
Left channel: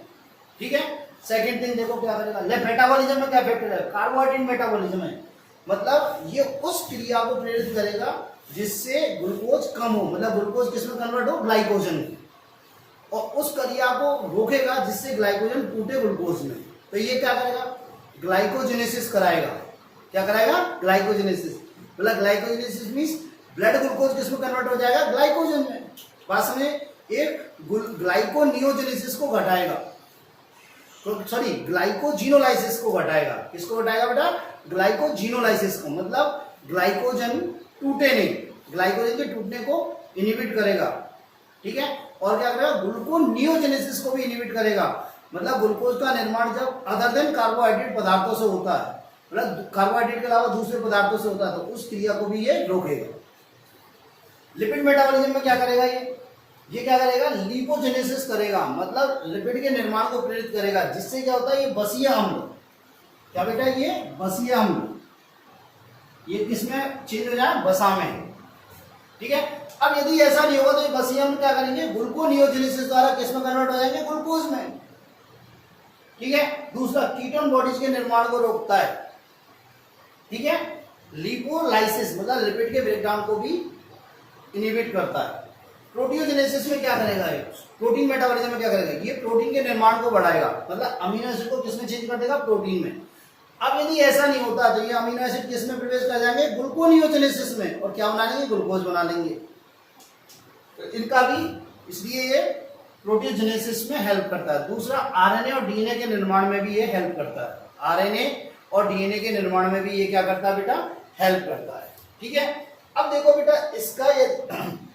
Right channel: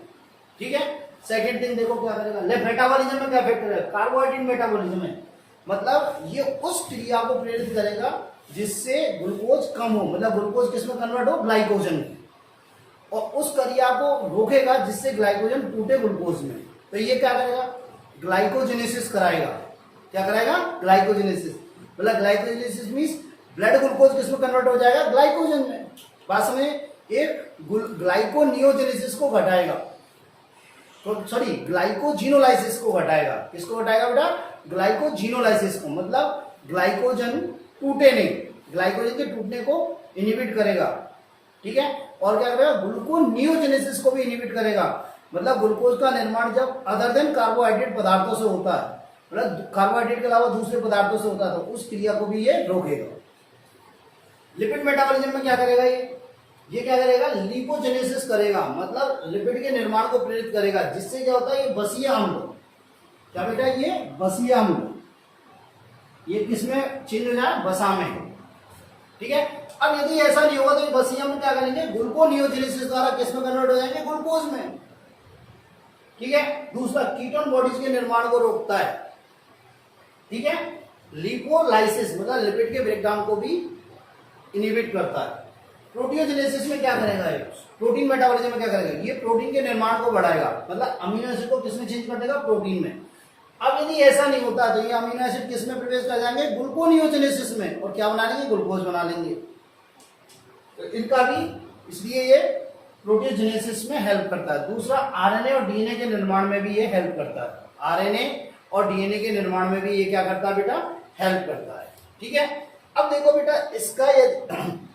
ठीक है, सेकंड थिंग देखो क्या करेगा? मेटाबॉलिज्म में क्या इफेक्ट करेगा? कार्बोहाइड्रेट मेटाबॉलिज्म में, मतलब ये उस क्रिया को प्रेरित करेगा जिससे ग्लूकोज कम हो, मतलब ग्लूकोज किसमें कन्वर्ट हो? ग्लाइकोजन में। और उस क्रिया को रोकेगा जिससे ग्लाइकोजन टूटे ग्लूकोज में। तो ये क्या करेगा? ग्लाइकोजेनेसिस कराएगा। क्या कराएगा? ग्लाइकोजेनेसिस। मतलब ग्लाइकोजेनेसिस मींस ब्लड ग्लूकोज किसमें कन्वर्ट हो जाएगा, ग्लाइकोजन में। बात समझे, एक ग्लाइकोनियोजेनेसिस को घटाएगा, तो सॉरी ग्लाइकोजिनोलाइसिस को घटाएगा। किसको घटाएगा बेटा, ग्लाइकोजिनोलाइसिस को, मतलब ग्लाइकोजन टूटे नहीं, ग्लाइकोजन के टूटने को इनहिबिट करेगा, ठीक है। और क्या करेगा, ग्लूकोनियोजेनेसिस को भी इनहिबिट करेगा, मतलब ग्लूकोज का निर्माण जब अदर देन कार्बोहाइड्रेट पदार्थों से होता है, मतलब कार्बोहाइड्रेट के अलावा दूसरे पदार्थों से होता है, तो उस क्रिया को भी ये रोकेगा। लिपिड मेटाबॉलिज्म में क्या करेगा ये क्या करेगा, लिपोजेनेसिस करेगा, मतलब लिपिड के निर्माण को प्रेरित करेगा, जिससे क्या होता है, ये बसीय अम्ल, क्या बेटा, ये बसीय अम्ल ये किसमें चेंज हो जाए, वसा में, ठीक है। अब यदि ऐसा नहीं होगा तो ये बसीय अम्ल क्या करेंगे, ग्लूकोनियोजेनेसिस द्वारा किसमें कन्वर्ट हो जाएंगे, ग्लूकोज में, ठीक है। दूसरा, कीटोन बॉडीज के निर्माण को रोकता है, ठीक है। लिपोलाइसिस मतलब लिपिड के ब्रेकडाउन को भी इनहिबिट करता है। प्रोटियोजेनेसिस में क्या करेगा ये, प्रोटीन मेटाबॉलिज्म में क्या करेगा, ये प्रोटीन के निर्माण को बढ़ाएगा, मतलब अमीनो एसिड को किसमें चेंज कर देगा, प्रोटीन में। अब यदि ऐसा नहीं होता तो ये अमीनो एसिड किसमें प्रवेश कर जाएंगे, ग्लूकोनियोजेनेसिस में, और क्या बना लेंगे, ग्लूकोज बना लेंगे। तो इनका भी, इसलिए ये प्रोटियोजेनेसिस में हेल्प करता है। दूसरा, आरएनए और डीएनए के निर्माण में भी ये हेल्प करता है, आरएनए और डीएनए के निर्माण में भी ये क्या करता है बेटा, हेल्प करता है, ठीक है। अब देखो बेटा,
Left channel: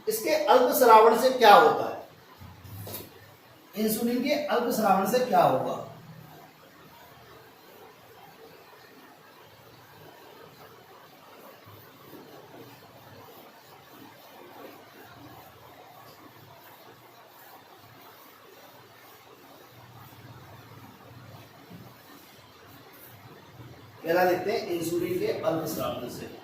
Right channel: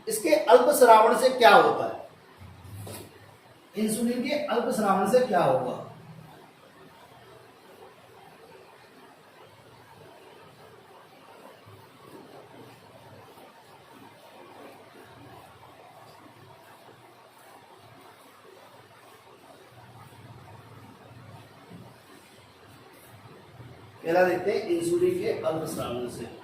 इसके अल्पस्रावण से क्या होता है, इंसुलिन के अल्पस्रावण से क्या होगा। पहला देखते हैं इंसुलिन के अल्पस्रावण से।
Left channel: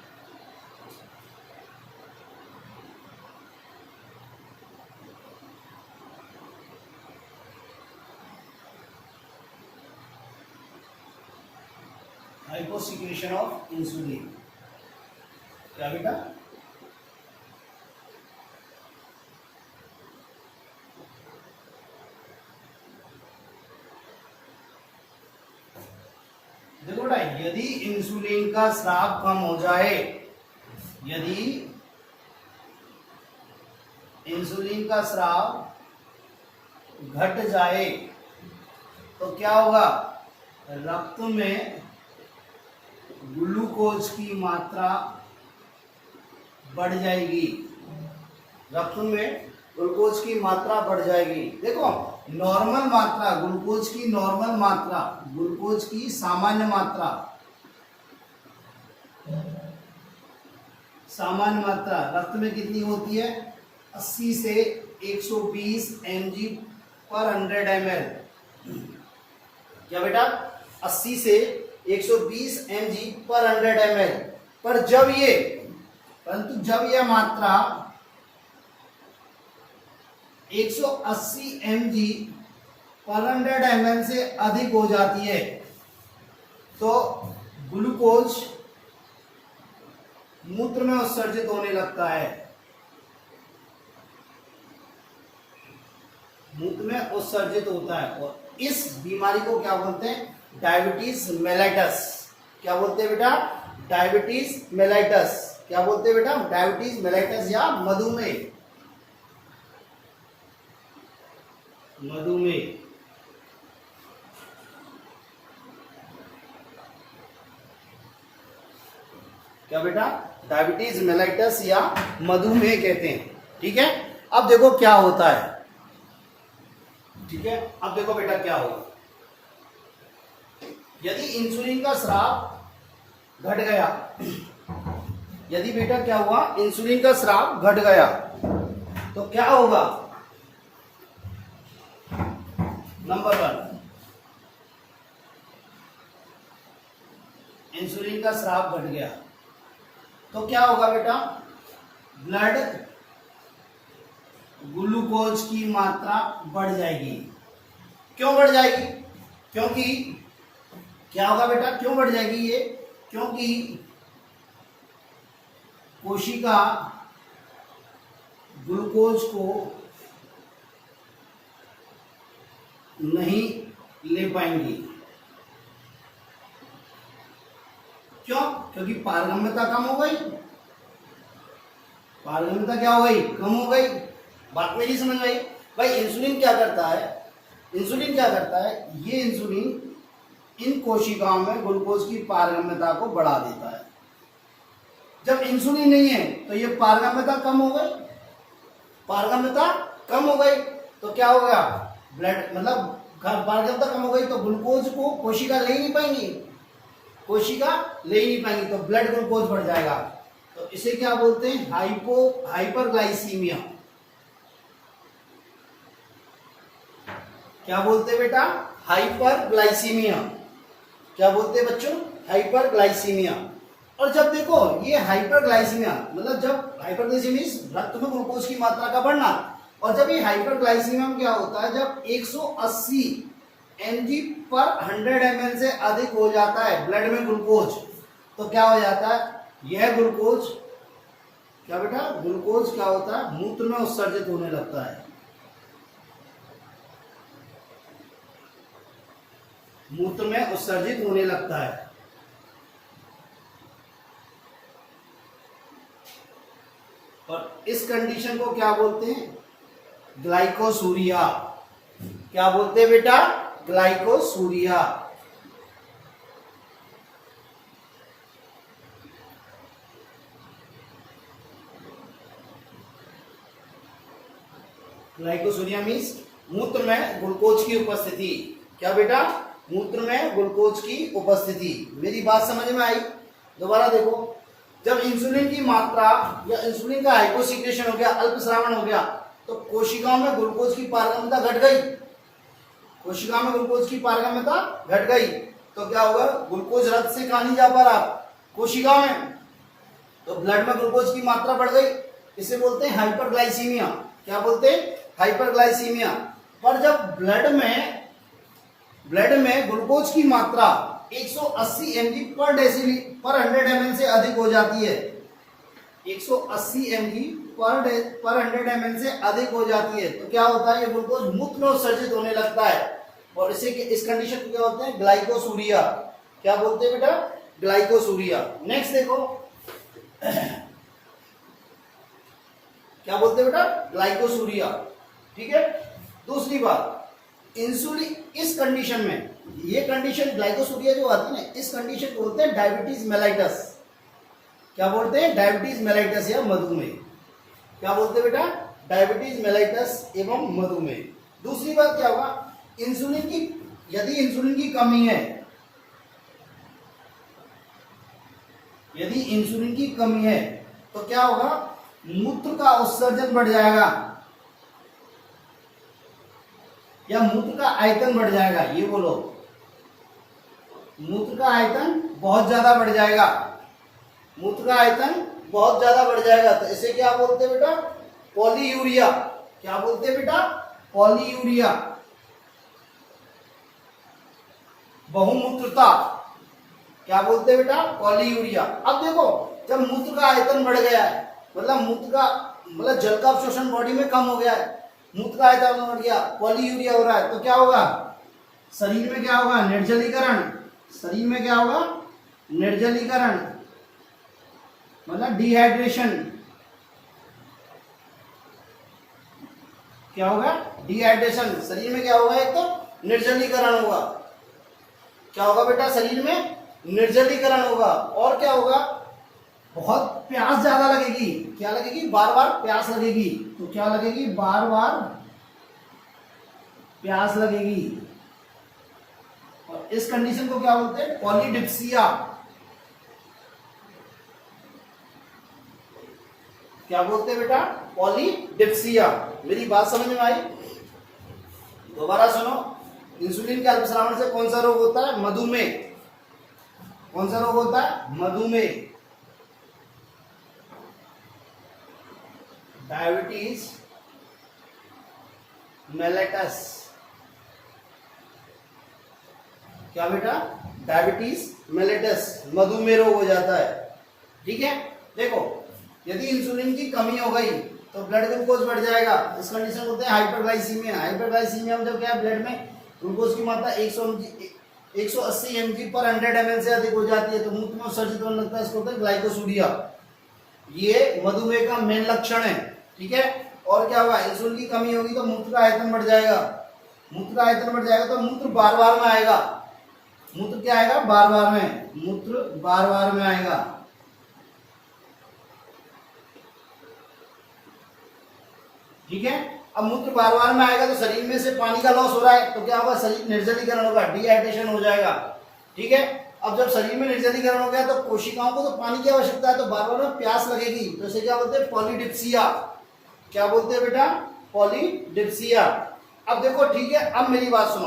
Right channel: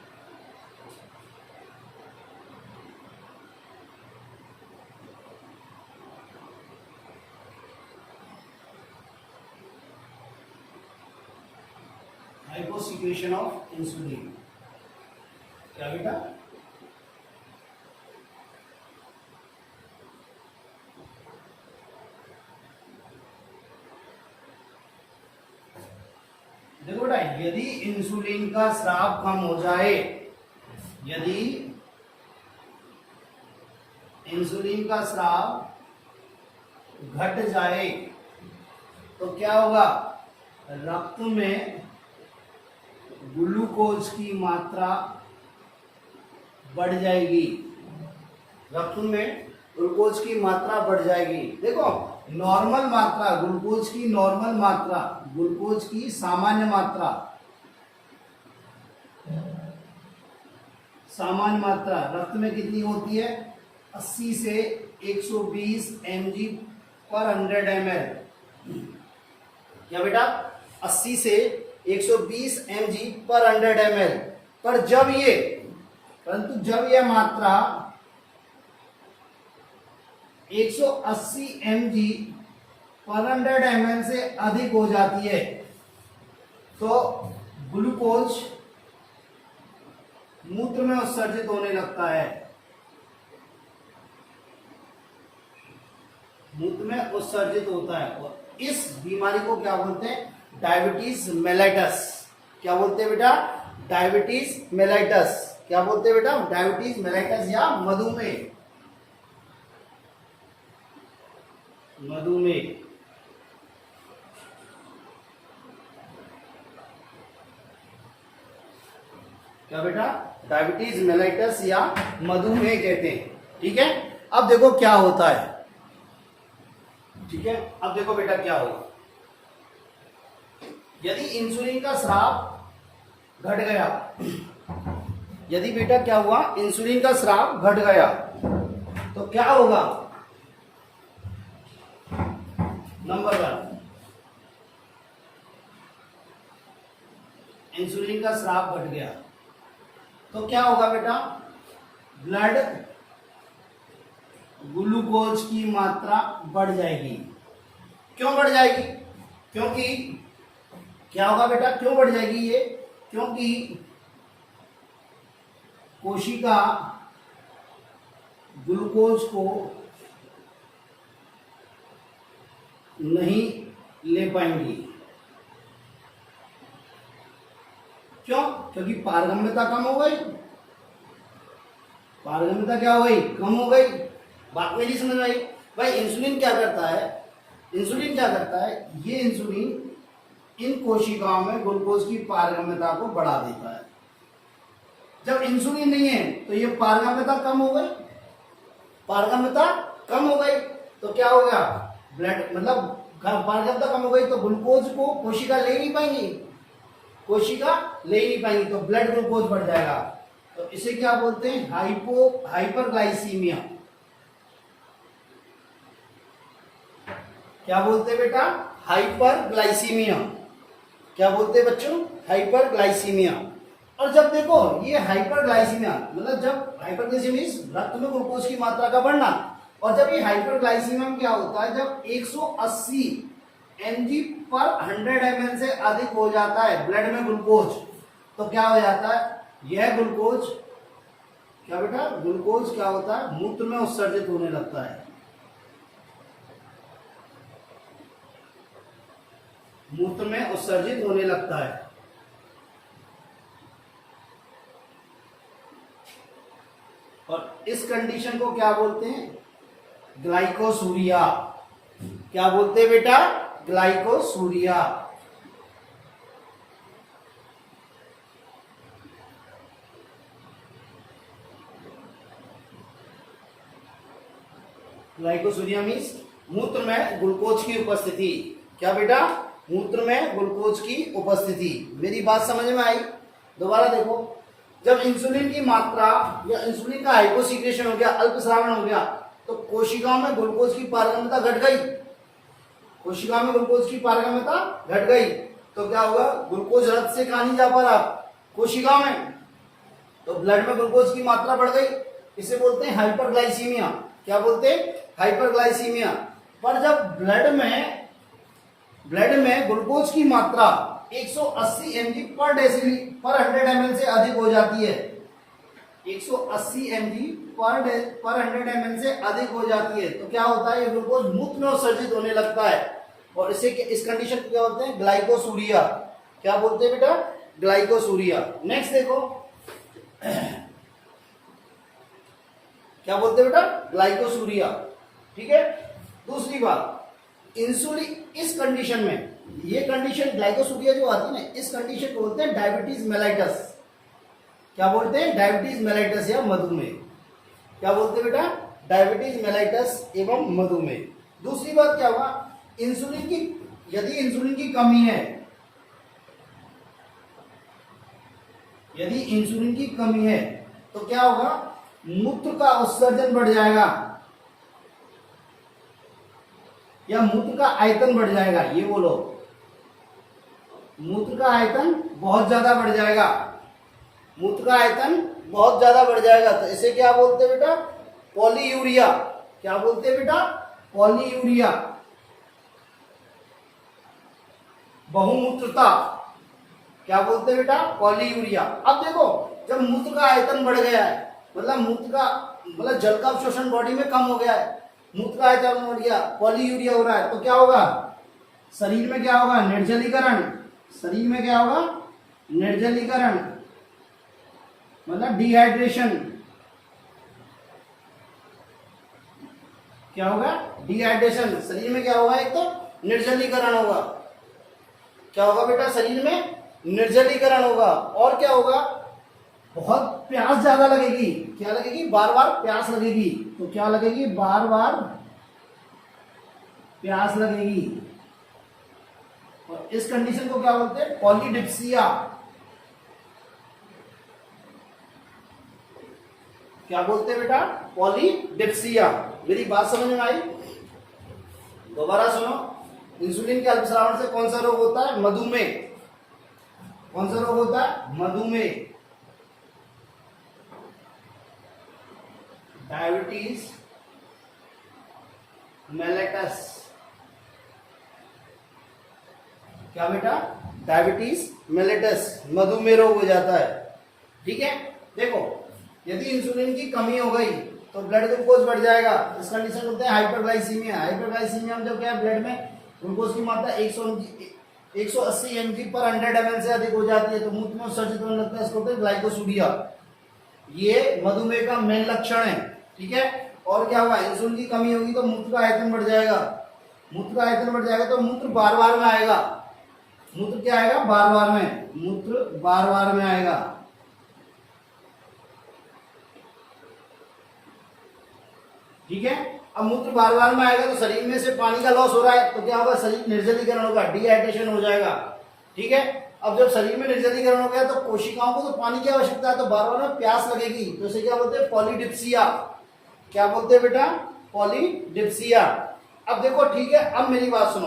हाइपोसिक्रेशन ऑफ इंसुलिन, क्या बेटा, देखो बेटा, यदि इंसुलिन का स्राव कम हो जाए, यदि इंसुलिन का स्राव घट जाए तो क्या होगा, रक्त में ग्लूकोज की मात्रा बढ़ जाएगी, रक्त में ग्लूकोज की मात्रा बढ़ जाएगी। देखो, नॉर्मल मात्रा ग्लूकोज की, नॉर्मल मात्रा ग्लूकोज की सामान्य मात्रा, सामान्य मात्रा रक्त में कितनी होती है, 80 से 120 mg पर 100 ml, क्या बेटा, 80 से 120 mg पर 100 ml। पर परंतु जब यह मात्रा 180 mg पर 100 ml से अधिक हो जाती है तो ग्लूकोज मूत्र में उत्सर्जित होने लगता है, मूत्र में उत्सर्जित होता है। और इस बीमारी को क्या बोलते हैं, डायबिटीज मेलाइटस। क्या बोलते हैं बेटा, डायबिटीज मेलाइटस। क्या बोलते हैं बेटा, डायबिटीज मेलाइटस या मधुमेह, मधुमेह। क्या बेटा, डायबिटीज मेलाइटस या मधुमेह कहते हैं, ठीक है। अब देखो क्या होता है, ठीक है। अब देखो बेटा क्या होगा, यदि इंसुलिन का स्राव घट गया, यदि बेटा क्या हुआ, इंसुलिन का स्राव घट गया तो क्या होगा, नंबर 1, इंसुलिन का स्राव घट गया तो क्या होगा बेटा, ब्लड ग्लूकोज की मात्रा बढ़ जाएगी। क्यों बढ़ जाएगी, क्योंकि क्या होगा बेटा, क्यों बढ़ जाएगी ये, क्योंकि कोशिका ग्लूकोज को नहीं ले पाएंगी। क्यों, क्योंकि पारगम्यता कम हो गई, पारगम्यता क्या हो गई, कम हो गई। बात मेरी समझ में आई। भाई इंसुलिन क्या करता है, इंसुलिन क्या करता है, ये इंसुलिन इन कोशिकाओं में ग्लूकोज की पारगम्यता को बढ़ा देता है। जब इंसुलिन नहीं है तो ये पारगम्यता कम हो गई, पारगम्यता कम हो गई तो क्या हो गया, ब्लड मतलब पारगम्यता कम हो गई तो ग्लूकोज को कोशिका ले नहीं पाएंगी, कोशिका ले ही नहीं पाएंगी तो ब्लड ग्लूकोज बढ़ जाएगा। तो इसे क्या बोलते हैं, हाइपरग्लाइसीमिया। क्या बोलते हैं बेटा, हाइपरग्लाइसीमिया। क्या बोलते हैं बच्चों, हाइपरग्लाइसीमिया। और जब देखो ये हाइपरग्लाइसीमिया मतलब जब हाइपरग्लाइसीमिया रक्त में ग्लूकोज की मात्रा का बढ़ना, और जब ये हाइपरग्लाइसीमिया में क्या होता है, जब 180 mg पर 100 ml से अधिक हो जाता है ब्लड में ग्लूकोज, तो क्या हो जाता है, यह ग्लूकोज क्या बेटा, ग्लूकोज क्या होता है, मूत्र में उत्सर्जित होने लगता है, मूत्र में उत्सर्जित होने लगता है। और इस कंडीशन को क्या बोलते हैं, ग्लाइकोसूरिया। क्या बोलते हैं बेटा, ग्लाइकोसूरिया। ग्लाइकोसूरिया मीन्स मूत्र में ग्लूकोज की उपस्थिति। क्या बेटा, मूत्र में ग्लूकोज की उपस्थिति। मेरी बात समझ में आई? दोबारा देखो, जब इंसुलिन की मात्रा या इंसुलिन का हाइपोसिक्रेशन हो गया, अल्पस्रावन हो गया, तो कोशिकाओं में ग्लूकोज की पारगम्यता घट गई, कोशिकाओं में ग्लूकोज की पारगम्यता घट गई तो क्या होगा, ग्लूकोज रक्त से कहा नहीं जा पा रहा, कोशिका में, तो ब्लड में ग्लूकोज की मात्रा बढ़ गई। इसे बोलते हैं हाइपरग्लाइसीमिया। क्या बोलते हैं, हाइपरग्लाइसीमिया। पर जब ब्लड में ग्लूकोज की मात्रा 180 mg पर डेसिली पर 100 ml से अधिक हो जाती है, 180 mg पर 100 ml से अधिक हो जाती है, तो क्या होता है, ये ग्लूकोज मूत्र में उत्सर्जित होने लगता है। और इस कंडीशन को क्या बोलते हैं, ग्लाइकोसूरिया। क्या बोलते हैं बेटा, ग्लाइकोसूरिया। नेक्स्ट देखो, क्या बोलते हैं बेटा, ग्लाइकोसूरिया। ठीक है। दूसरी बात, इंसुलिन इस कंडीशन में, ये कंडीशन ग्लाइकोसूरिया जो आती है ना, इस कंडीशन को बोलते हैं डायबिटीज मेलाइटस। क्या बोलते हैं, डायबिटीज मेलाइटस या मधुमेह। क्या बोलते हैं बेटा, डायबिटीज मेलाइटस एवं मधुमेह। दूसरी बात क्या होगा, इंसुलिन की, यदि इंसुलिन की कमी है, यदि इंसुलिन की कमी है तो क्या होगा, मूत्र का उत्सर्जन बढ़ जाएगा या मूत्र का आयतन बढ़ जाएगा, ये बोलो, मूत्र का आयतन बहुत ज्यादा बढ़ जाएगा, मूत्र का आयतन बहुत ज्यादा बढ़ जाएगा। तो इसे क्या बोलते हैं बेटा, पॉलीयूरिया। क्या बोलते हैं बेटा, पॉलीयूरिया। बहुमूत्रता। क्या बोलते हैं बेटा, पॉलीयूरिया। अब देखो, जब मूत्र का आयतन बढ़ गया है, मतलब जल का अवशोषण बॉडी में कम हो गया है, मूत्र का आयतन बढ़ गया, पॉलीयूरिया हो रहा है, तो क्या होगा, शरीर में क्या होगा, निर्जलीकरण। शरीर में क्या होगा, निर्जलीकरण मतलब डिहाइड्रेशन। क्या होगा, डिहाइड्रेशन। शरीर में क्या होगा, एक तो निर्जलीकरण होगा। क्या होगा बेटा, शरीर में निर्जलीकरण होगा। और क्या होगा, बहुत प्यास ज्यादा लगेगी। क्या लगेगी, बार बार प्यास लगेगी। तो क्या लगेगी, बार बार प्यास लगेगी। और इस कंडीशन को क्या बोलते हैं, पॉलीडिप्सिया। क्या बोलते हैं बेटा, पॉलीडिप्सिया। मेरी बात समझ में आई? दोबारा सुनो, इंसुलिन के अल्पस्रावन से कौन सा रोग होता है, मधुमेह। कौन सा रोग होता है, मधुमेह। Diabetes mellitus. क्या बेटा, डायबिटीज मेलाइटस, मधुमेह रोग हो जाता है। ठीक है। देखो, यदि इंसुलिन की कमी हो गई तो ब्लड ग्लूकोज बढ़ जाएगा। इस कंडीशन होते हैं हाइपरग्लाइसीमिया। हाइपरग्लाइसीमिया में जब क्या है, ब्लड में ग्लूकोज की मात्रा 180 mg पर 100 ml से अधिक हो जाती है तो मूत्र में उत्सर्जित होने लगता है। इसको बोलते हैं ग्लाइकोसूरिया। ये मधुमेह का मेन लक्षण है, ठीक है। और क्या होगा, इंसुलिन की कमी होगी तो मूत्र का आयतन बढ़ जाएगा, मूत्र का आयतन बढ़ जाएगा तो मूत्र बार बार में आएगा, मूत्र क्या आएगा, बार बार में, मूत्र बार बार में आएगा, ठीक है। अब मूत्र बार बार में आएगा तो शरीर में से पानी का लॉस हो रहा है, तो क्या होगा, शरीर निर्जलीकरण होगा, डिहाइड्रेशन हो जाएगा, ठीक है। अब जब शरीर में निर्जलीकरण हो गया तो कोशिकाओं को तो पानी की आवश्यकता है, तो बार बार में प्यास लगेगी, तो इसे क्या बोलते हैं, पॉलीडिप्सिया। क्या बोलते हैं बेटा, पॉलीडिप्सिया। अब देखो ठीक है, अब मेरी बात सुनो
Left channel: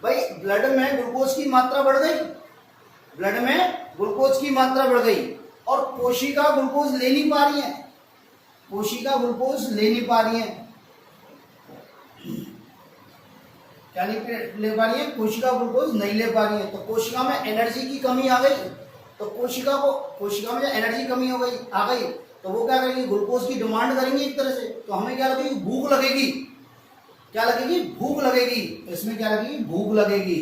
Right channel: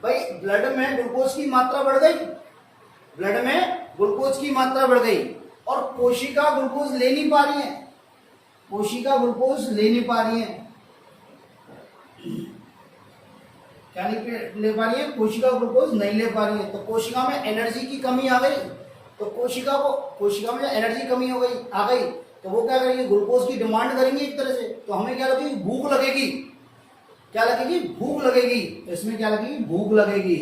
भाई, ब्लड में ग्लूकोज की मात्रा बढ़ गई, ब्लड में ग्लूकोज की मात्रा बढ़ गई और कोशिका ग्लूकोज ले नहीं पा रही है, कोशिका ग्लूकोज ले नहीं पा रही है, क्या नहीं ले पा रही है, कोशिका ग्लूकोज नहीं ले पा रही है, तो कोशिका में एनर्जी की कमी आ गई, तो कोशिका में एनर्जी कमी हो गई, आ गई, तो वो क्या करेंगे, ग्लूकोज की डिमांड करेंगे एक तरह से, तो हमें क्या लगेगी, भूख लगेगी, क्या लगेगी, भूख लगेगी, तो इसमें क्या लगेगी, भूख लगेगी,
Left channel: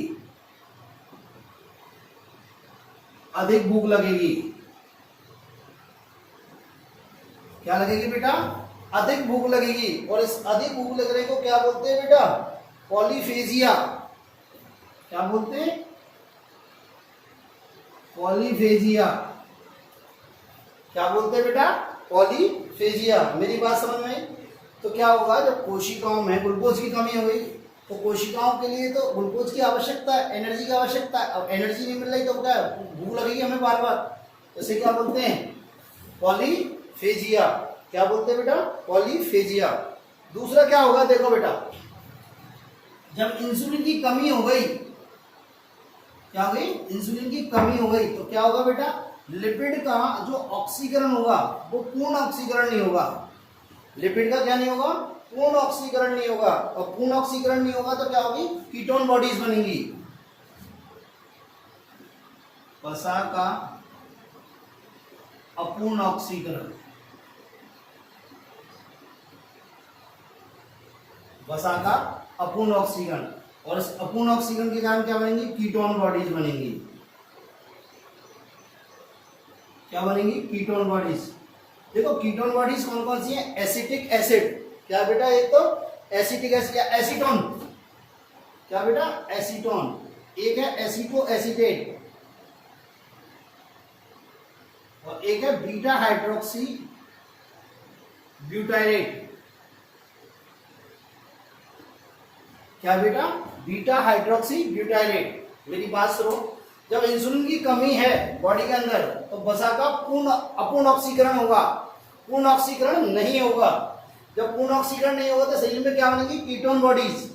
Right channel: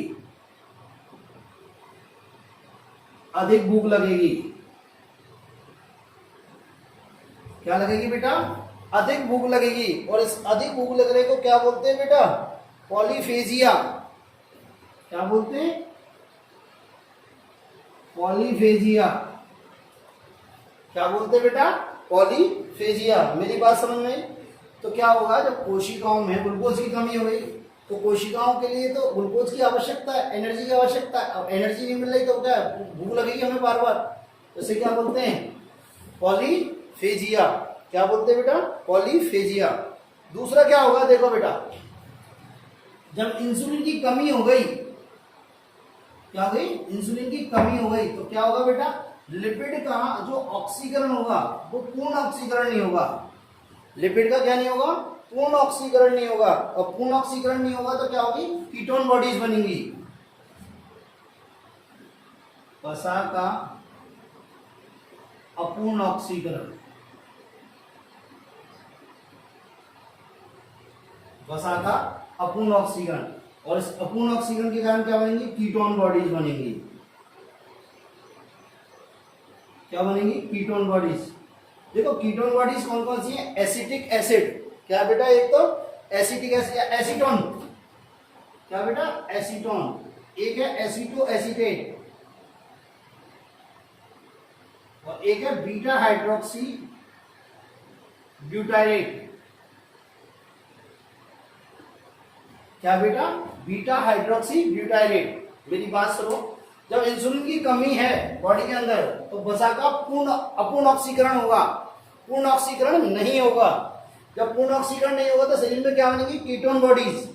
अधिक भूख लगेगी, क्या लगेगी बेटा, अधिक भूख लगेगी, और इस अधिक भूख लगने को क्या बोलते हैं बेटा, पॉलीफेजिया। क्या बोलते हैं, पॉलीफेजिया। क्या बोलते हैं बेटा, पॉलीफेजिया। मेरी बात समझ में, तो क्या होगा, जब कोशिकाओं में ग्लूकोज की कमी हो गई तो कोशिकाओं के लिए तो ग्लूकोज की आवश्यकता है, एनर्जी की आवश्यकता है, अब एनर्जी नहीं मिल रही तो क्या भूख लगेगी हमें बार बार, तो इसे क्या बोलते हैं, पॉलीफेजिया। क्या बोलते हैं बेटा, पॉलीफेजिया। दूसरा क्या होगा, देखो बेटा, जब इंसुलिन की कमी हो गई, क्या हो गई, इंसुलिन की कमी हो गई, तो क्या होगा बेटा, लिपिड का जो ऑक्सीकरण होगा वो पूर्ण ऑक्सीकरण नहीं होगा, लिपिड का क्या नहीं होगा, पूर्ण ऑक्सीकरण नहीं होगा, और पूर्ण ऑक्सीकरण नहीं होगा तो क्या होगी, कीटोन बॉडीज बनेंगी, वसा का अपूर्ण ऑक्सीकरण, वसा का अपूर्ण ऑक्सीकरण, और इस अपूर्ण ऑक्सीकरण के कारण क्या बनेंगी, कीटोन बॉडीज बनेंगी, क्या बनेंगी, कीटोन बॉडीज। देखो कीटोन बॉडीज कौन कौन सी है, एसिटिक एसिड, क्या बेटा, एक तो एसिटिक एसिड या एसीटोन, क्या बेटा, एसीटोन, एक है एसीटो एसीटेट, और एक है बीटा हाइड्रोक्सी ब्यूटाइरेट, क्या बेटा, बीटा हाइड्रोक्सी ब्यूटाइरेट। मेरी बात सुनो, जब इंसुलिन की कमी है बॉडी के अंदर तो वसा का अपूर्ण ऑक्सीकरण होगा, पूर्ण ऑक्सीकरण नहीं होगा, जब पूर्ण ऑक्सीकरण नहीं होगा तो शरीर में क्या बनेगी, कीटोन बॉडीज,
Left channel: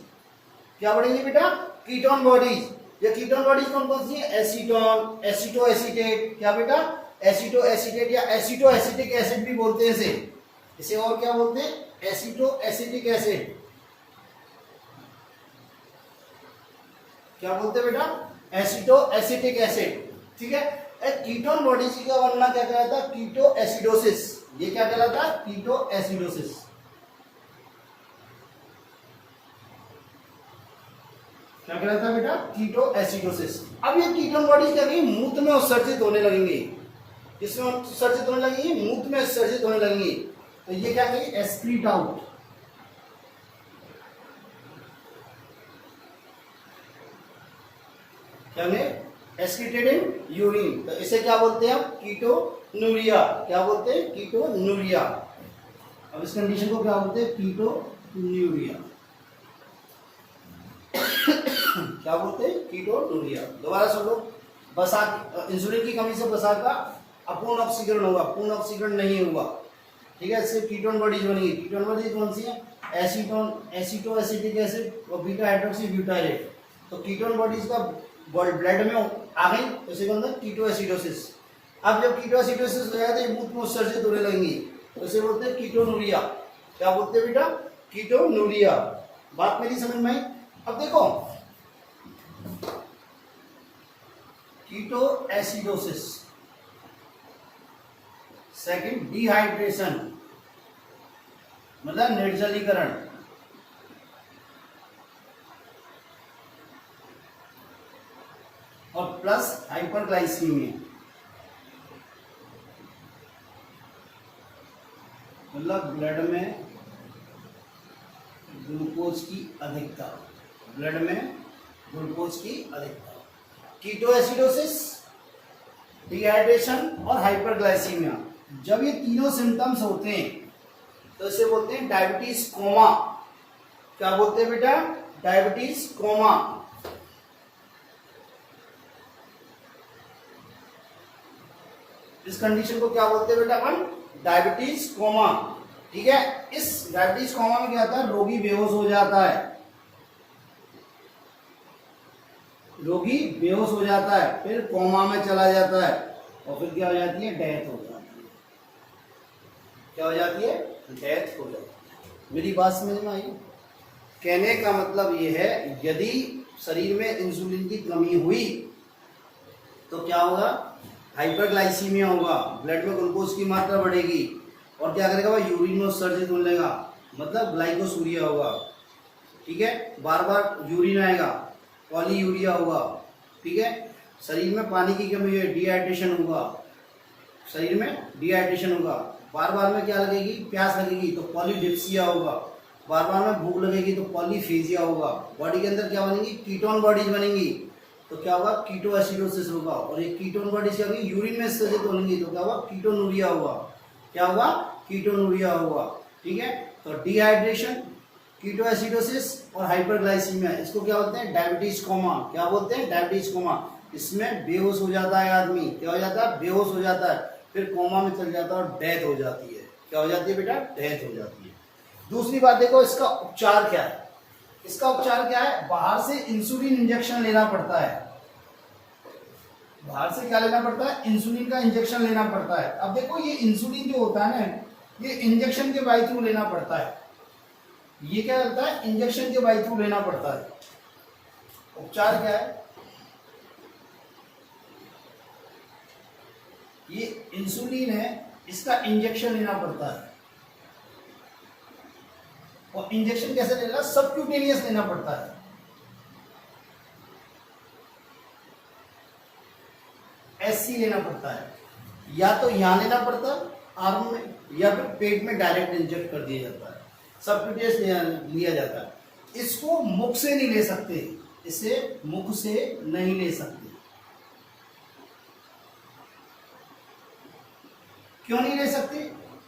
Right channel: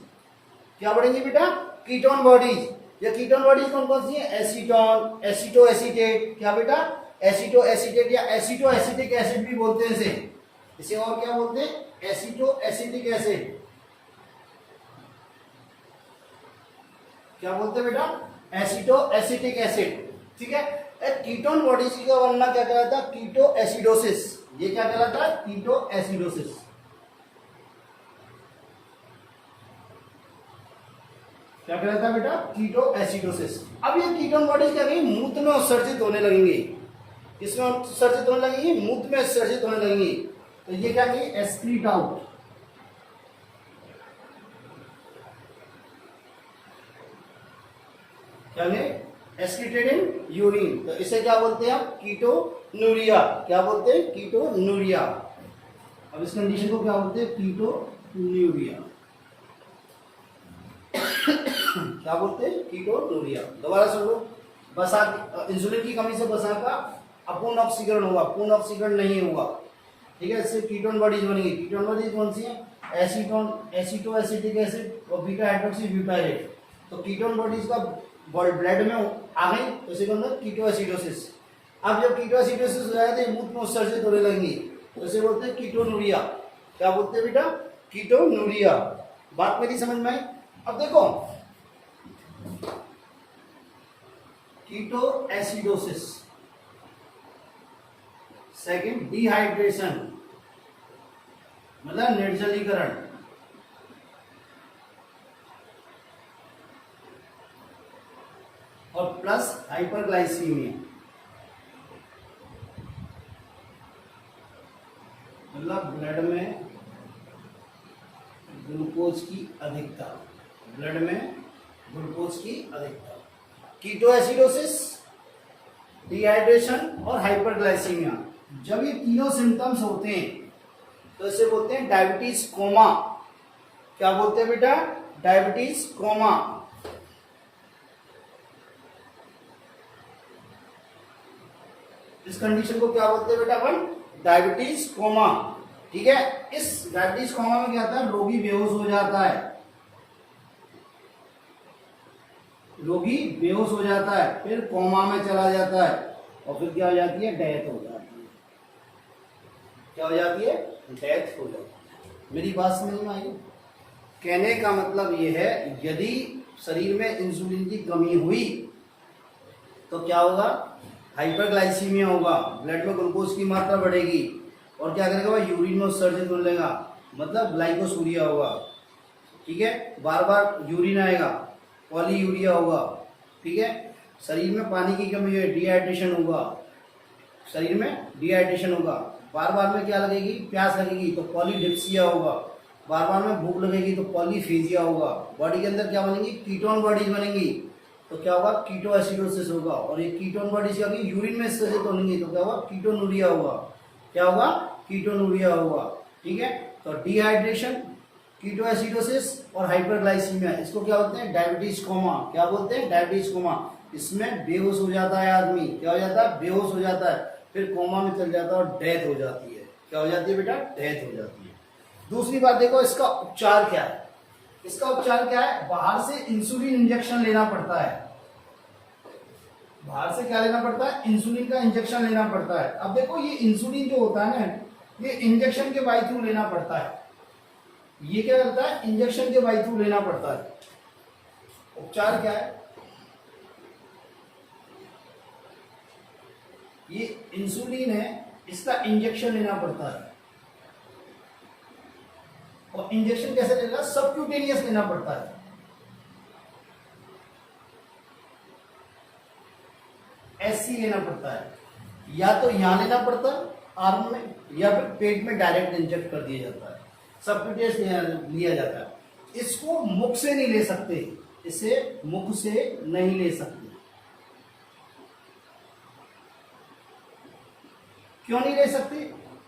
क्या बढ़ेंगी बेटा, कीटोन बॉडीज। ये कीटोन बॉडीज कौन कौन सी है, एसीटोन, एसीटो एसीटेट, क्या बेटा, एसीटो एसीटेट या एसीटो एसिटिक एसिड भी बोलते हैं इसे और क्या बोलते हैं, एसीटो एसिटिक एसिड, क्या बोलते हैं बेटा, एसीटो एसिटिक एसिड, ठीक है। कीटोन बॉडीज का बनना क्या कहलाता है, कीटो एसिडोसिस, ये क्या कहलाता है, कीटो एसिडोसिस, क्या कहलाता है बेटा, कीटो एसिडोसिस। अब ये कीटोन बॉडीज क्या करेंगी, मूत्र में उत्सर्जित होने लगेंगे, किसमें उत्सर्जित होने लगेंगी, मूत्र में उत्सर्जित होने लगेंगी, तो ये क्या कहेंगे, एक्सक्रीट आउट, क्या एक्सक्रीटेड इन यूरिन, तो इसे क्या बोलते हैं आप, कीटोन्यूरिया, क्या बोलते हैं, कीटोन्यूरिया। अब इस कंडीशन को क्या बोलते हैं, कीटोन्यूरिया, क्या बोलते हैं, कीटोन्यूरिया। दोबारा सुन लो, वसा, इंसुलिन की कमी से वसा का अपूर्ण ऑक्सीकरण होगा, पूर्ण ऑक्सीकरण नहीं होगा, ठीक है, इससे कीटोन बॉडीज बनेगी। कीटोन बॉडीज कौन सी है, एसीटोन, एसीटो एसिटिक एसिड और बीटा हाइड्रोक्सी ब्यूटाइरेट। तो कीटोन बॉडीज का ब्लड में आ गई तो इसे अंदर कीटो एसिडोसिस। अब जब कीटो एसिडोसिस हो जाएगा तो मूत्र में उत्सर्जित होने लगेंगी, तो इसे बोलते हैं कीटोन्यूरिया, क्या बोलते हैं बेटा, कीटोन्यूरिया। बात मेरी समझ में आई। अब देखो कीटो एसिडोसिस, सेकंड डिहाइड्रेशन मतलब निर्जलीकरण, और प्लस हाइपरग्लाइसीमिया। मतलब ब्लड में ग्लूकोज की अधिकता, ब्लड में ग्लूकोज की अधिकता। कीटोएसिडोसिस, डिहाइड्रेशन और हाइपरग्लाइसीमिया, जब ये तीनों सिम्टम्स होते हैं तो इसे बोलते हैं डायबिटीज कोमा। क्या बोलते हैं बेटा? Diabetes coma. इस कंडीशन को क्या बोलते हैं बेटा अपन? Diabetes coma. ठीक है, इस डायबिटीज कोमा में क्या होता है? रोगी बेहोश हो जाता है, रोगी बेहोश हो जाता है, फिर कोमा में चला जाता है और फिर क्या हो जाती है? डेथ हो जाती है। क्या हो जाती है? डेथ हो जाती है। मेरी बात समझ में आई? कहने का मतलब यह है, यदि शरीर में इंसुलिन की कमी हुई तो क्या होगा? हाइपरग्लाइसीमिया होगा, ब्लड में ग्लूकोज की मात्रा बढ़ेगी और क्या करेगा? वह यूरिन में उत्सर्जित होने लगेगा, मतलब ग्लाइकोसूरिया होगा। ठीक है, बार बार यूरिन आएगा, पॉलीयूरिया होगा। ठीक है, शरीर में पानी की कमी है, डिहाइड्रेशन होगा, शरीर में डिहाइड्रेशन होगा। बार बार में क्या लगेगी? प्यास लगेगी तो पॉलीडिप्सिया होगा, बार बार में भूख लगेगी तो पॉलीफेजिया होगा। बॉडी के अंदर क्या बनेंगी? कीटोन बॉडीज बनेंगी, तो क्या होगा? कीटोएसिडोसिस होगा। और ये कीटोन बॉडीज क्या होगी? यूरिन में उत्सर्जित होंगी, तो क्या होगा? कीटोनूरिया होगा। क्या होगा? कीटोनूरिया होगा। ठीक है, तो डिहाइड्रेशन, कीटोएसिडोसिस और हाइपरग्लाइसीमिया, इसको क्या बोलते हैं? Diabetes coma. क्या बोलते हैं? Diabetes coma. इसमें बेहोश हो जाता है आदमी। क्या हो जाता है? बेहोश हो जाता है, फिर कोमा में चल जाता है और डेथ हो जाती है। क्या हो जाती है बेटा? डेथ हो जाती है। दूसरी बात देखो, इसका उपचार क्या है? इसका उपचार क्या है? बाहर से इंसुलिन इंजेक्शन लेना पड़ता है। बाहर से क्या लेना पड़ता है? इंसुलिन का इंजेक्शन लेना पड़ता है। अब देखो, ये इंसुलिन जो होता है ना, ये इंजेक्शन के बाई थ्रू लेना पड़ता है। ये क्या करता है? इंजेक्शन के बाई थ्रू लेना पड़ता है। उपचार क्या है? ये इंसुलिन है, इसका इंजेक्शन लेना पड़ता है। और इंजेक्शन कैसे लेना? सबक्यूटेनियस लेना पड़ता है। एससी लेना पड़ता है, या तो यहां लेना पड़ता है आर्म में, या फिर पेट में डायरेक्ट इंजेक्ट कर दिया जाता है, सबक्यूटेनियस लिया जाता है। इसको मुख से नहीं ले सकते, इसे मुख से नहीं ले सकते। क्यों नहीं ले सकते?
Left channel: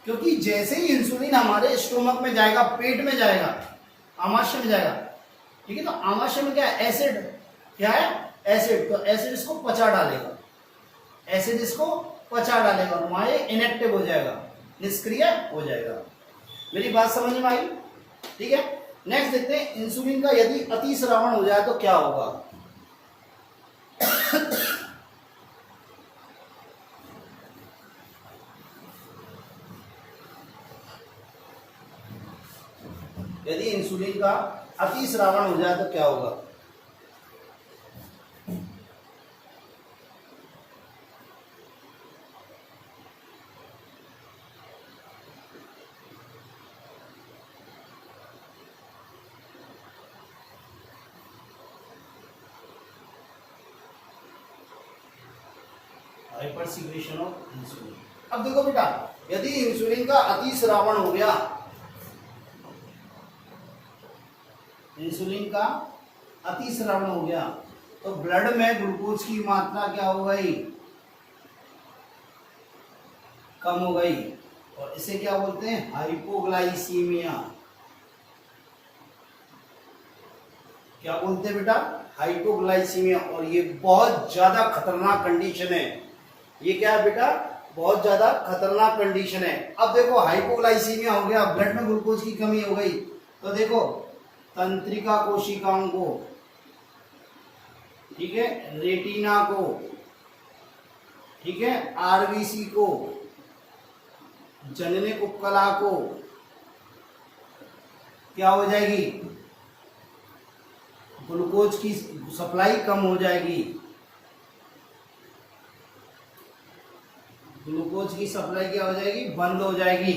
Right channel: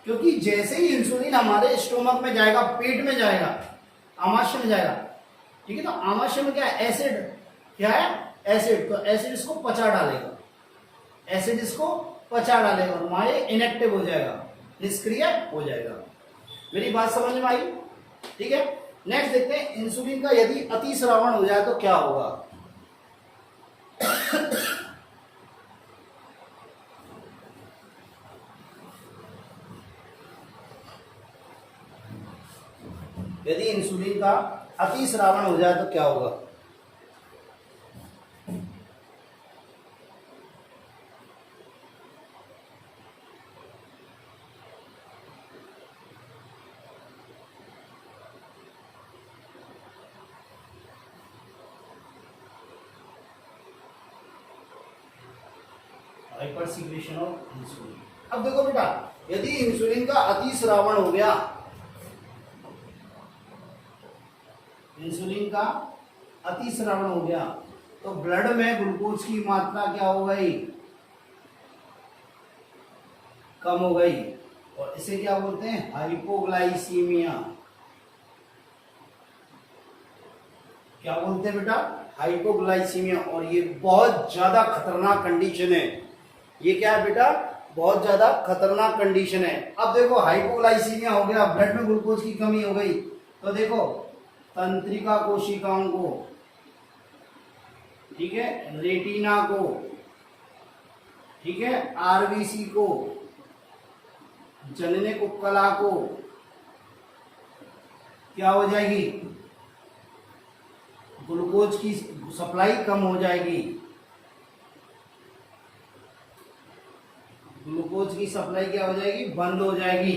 क्योंकि जैसे ही इंसुलिन हमारे स्टोमक में जाएगा, पेट में जाएगा, आमाशय में जाएगा, ठीक है, तो आमाशय में क्या है? एसिड। क्या है? एसिड। तो एसिड इसको पचा डालेगा, एसिड इसको पचा डालेगा और वहां इनएक्टिव हो जाएगा, निष्क्रिय हो जाएगा। मेरी बात समझ में आई? ठीक है, नेक्स्ट देखते हैं, इंसुलिन का यदि अतिस्रावण हो जाए तो क्या होगा? यदि इंसुलिन का अतिस्रावण हो जाए तो क्या होगा? Hyper secretion of insulin. अब देखो बेटा, यदि इंसुलिन का अतिस्रावण हो गया, इंसुलिन का अतिस्रावण हो गया, तो ब्लड में ग्लूकोज की मात्रा क्या हो गई? कम हो गई, और इसे क्या बोलते हैं? हाइपोग्लाइसीमिया। क्या बोलते हैं बेटा? हाइपोग्लाइसीमिया। और ये बहुत ज्यादा खतरनाक कंडीशन है। ये क्या है बेटा? बहुत ज्यादा खतरनाक कंडीशन है। अब देखो, हाइपोग्लाइसीमिया हो गया, ब्लड में ग्लूकोज की कमी हो गई, तो देखो तंत्रिका कोशिकाओं को, ठीक है, रेटिना को, ठीक है, आरबीसी को, जननिक उपकला को क्या हो जाएगी? ग्लूकोज की सप्लाई कम हो जाएगी, ग्लूकोज की सप्लाई क्या हो जाएगी? बंद हो जाएगी।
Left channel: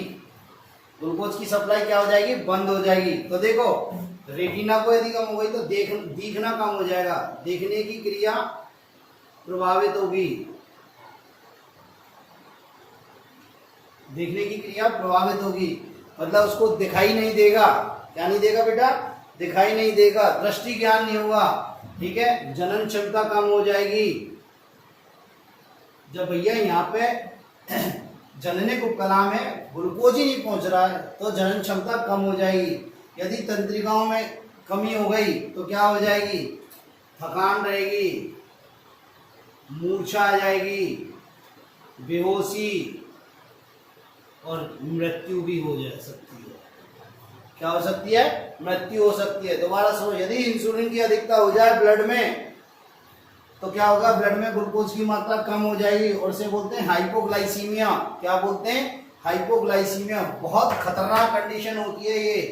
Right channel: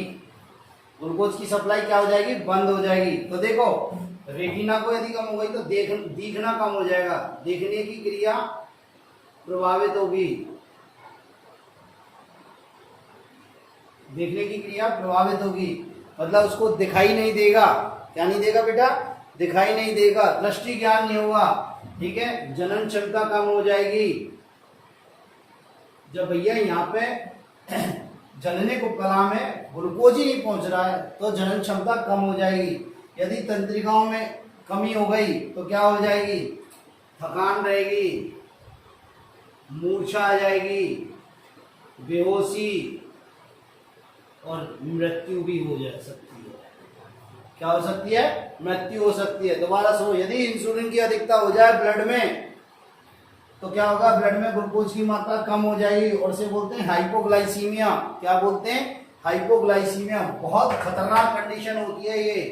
ग्लूकोज की सप्लाई क्या हो जाएगी? बंद हो जाएगी। तो देखो, रेटिना को यदि कम हो गई तो दिखना कम हो जाएगा, देखने की क्रिया प्रभावित होगी, देखने की क्रिया प्रभावित होगी। मतलब उसको दिखाई नहीं देगा। क्या नहीं देगा बेटा? दिखाई नहीं देगा, दृष्टि ज्ञान नहीं होगा। ठीक है, जनन क्षमता कम हो जाएगी। जब भैया यहाँ पे जनने को कला में ग्लूकोज ही नहीं पहुंच रहा है तो जनन क्षमता कम हो जाएगी। यदि तंत्रिकाओं में कमी हो गई तो क्या हो जाएगी? थकान रहेगी, मूर्छा आ जाएगी, बेहोशी और मृत्यु भी हो जा सकती है। क्या हो सकती है? मृत्यु हो सकती है। दोबारा सुनो, यदि इंसुलिन की अधिकता हो जाए ब्लड में तो क्या होगा? ब्लड में ग्लूकोज की मात्रा कम हो जाएगी और इसे बोलते हैं हाइपोग्लाइसीमिया। क्या बोलते हैं? हाइपोग्लाइसीमिया। बहुत खतरनाक कंडीशन होती है ये।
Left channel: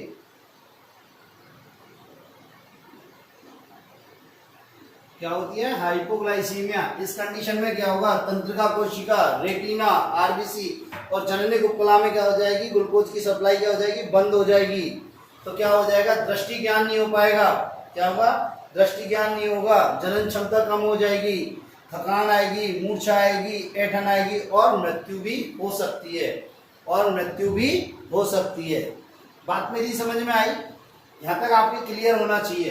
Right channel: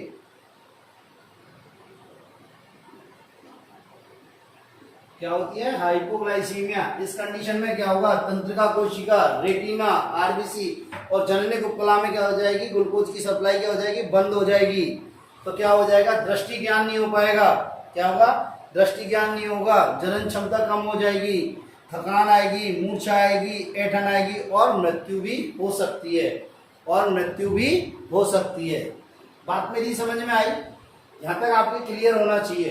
क्या होती है? हाइपोग्लाइसीमिया। इस कंडीशन में क्या होगा? तंत्रिका कोशिका, रेटिना, आरबीसी और जनने उपकला में क्या हो जाएगी? ग्लूकोज की सप्लाई क्या हो जाएगी? बंद हो जाएगी। तो क्या हो जाएगा? दृष्टि ज्ञान नहीं हो पाएगा। क्या होगा? दृष्टि ज्ञान नहीं होगा, जनन क्षमता कम हो जाएगी, थकान आएगी, मूर्छा आएगी, ऐंठन आएगी और मृत्यु भी हो सकती है। और मृत्यु भी हो सकती है। बात मेरी समझ में आई? यहाँ तक आपके क्लियर होना चाहिए।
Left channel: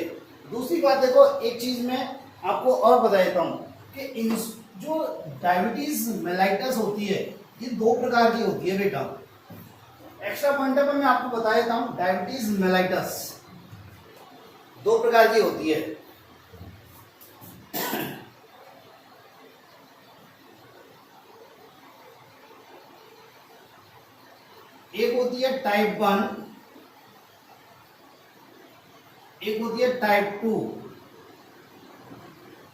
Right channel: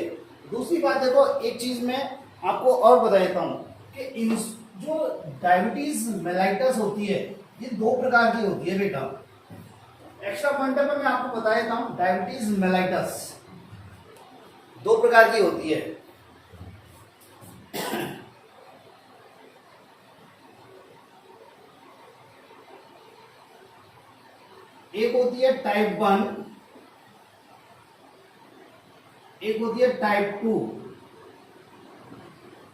दूसरी बात देखो, एक चीज मैं आपको और बता देता हूँ कि इन जो डायबिटीज मेलाइटस होती है ये दो प्रकार की होती है बेटा। एक्स्ट्रा पॉइंटर पे मैं आपको बता देता हूँ, डायबिटीज मेलाइटस दो प्रकार की होती है। एक होती है टाइप 1, एक होती है टाइप 2।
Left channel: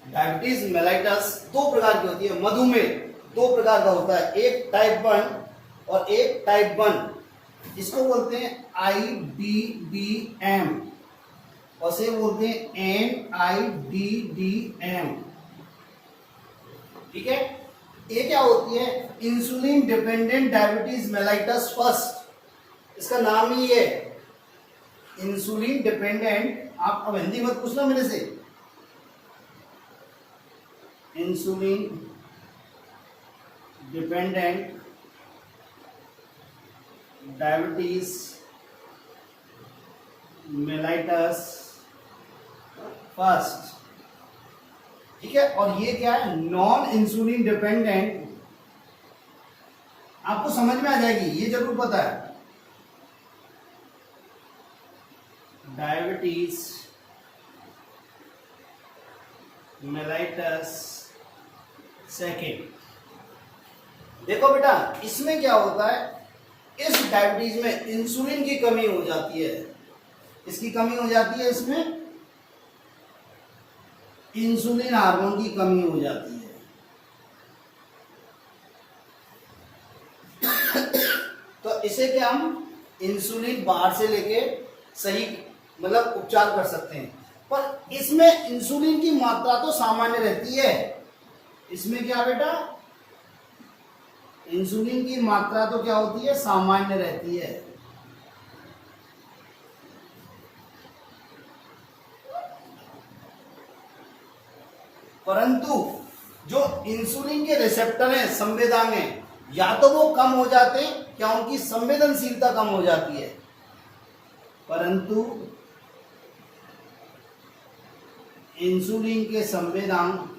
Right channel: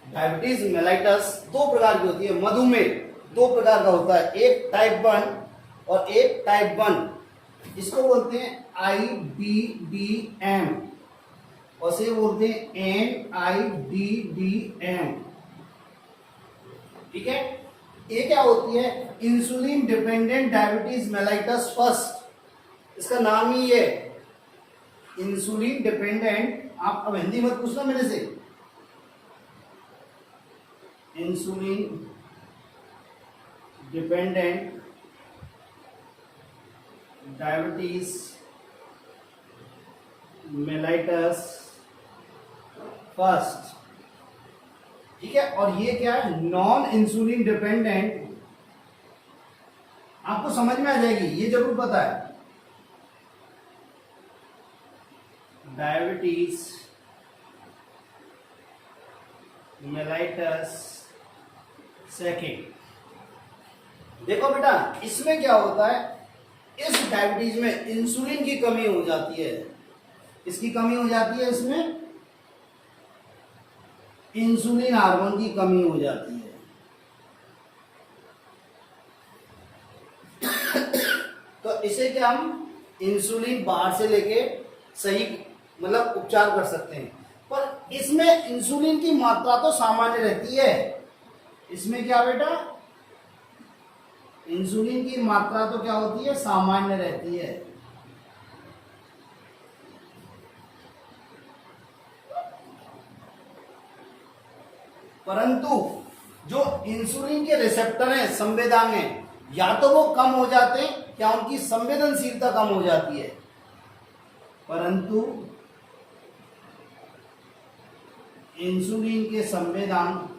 डायबिटीज मेलाइटस दो प्रकार की होती है। मधुमेह दो प्रकार का होता है, एक टाइप 1 और एक टाइप 1। इसको बोलते हैं IBBM और से बोलते हैं NIDDM। ठीक है, ये क्या होती है? Insulin dependent diabetes mellitus first. इसका नाम ही है इंसुलिन डिपेंडेंट। आप अब हिंदी मत पूछना मेरे से। Insulin dependent diabetes mellitus first. ठीक है, और ये क्या है? Non insulin dependent. आपको समझ में आ जाएगी, ये जरूर पता है। Diabetes mellitus second. देखो बेटा, इसमें क्या होता है? इस डायबिटीज में इंसुलिन की कमी हो जाती है। इसकी कमी हो जाती है, इसमें इंसुलिन हार्मोन की कमी हो जाती है। तो इसे क्या हम इंसुलिन बाहर से लेके सही मतलब उपचार कर सकते हैं, पर इसमें इंसुलिन की मात्रा तो सामान्य रहती है। इसमें क्या बेटा? इंसुलिन की मात्रा तो क्या होती है? सामान्य रहती है। परंतु जो इंसुलिन के रिसेप्टर हैं, संवेदक हैं, या तो वो कम हो जाते हैं या उनकी संवेदनशीलता कम हो जाती है। परंतु इंसुलिन के संवेदक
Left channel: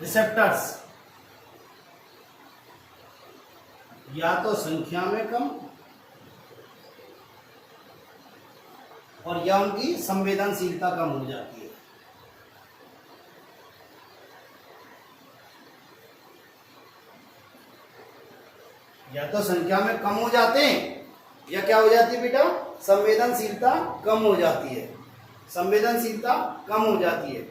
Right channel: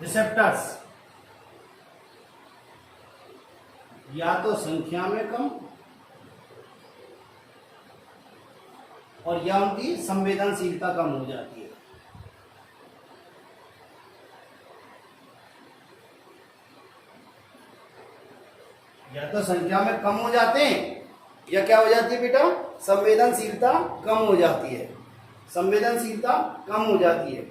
रिसेप्टर्स या तो संख्या में कम और या उनकी संवेदनशीलता कम हो जाती है। या तो संख्या में कम हो जाते हैं या क्या हो जाती है बेटा? संवेदनशीलता कम हो जाती है। संवेदनशीलता कम हो जाती है।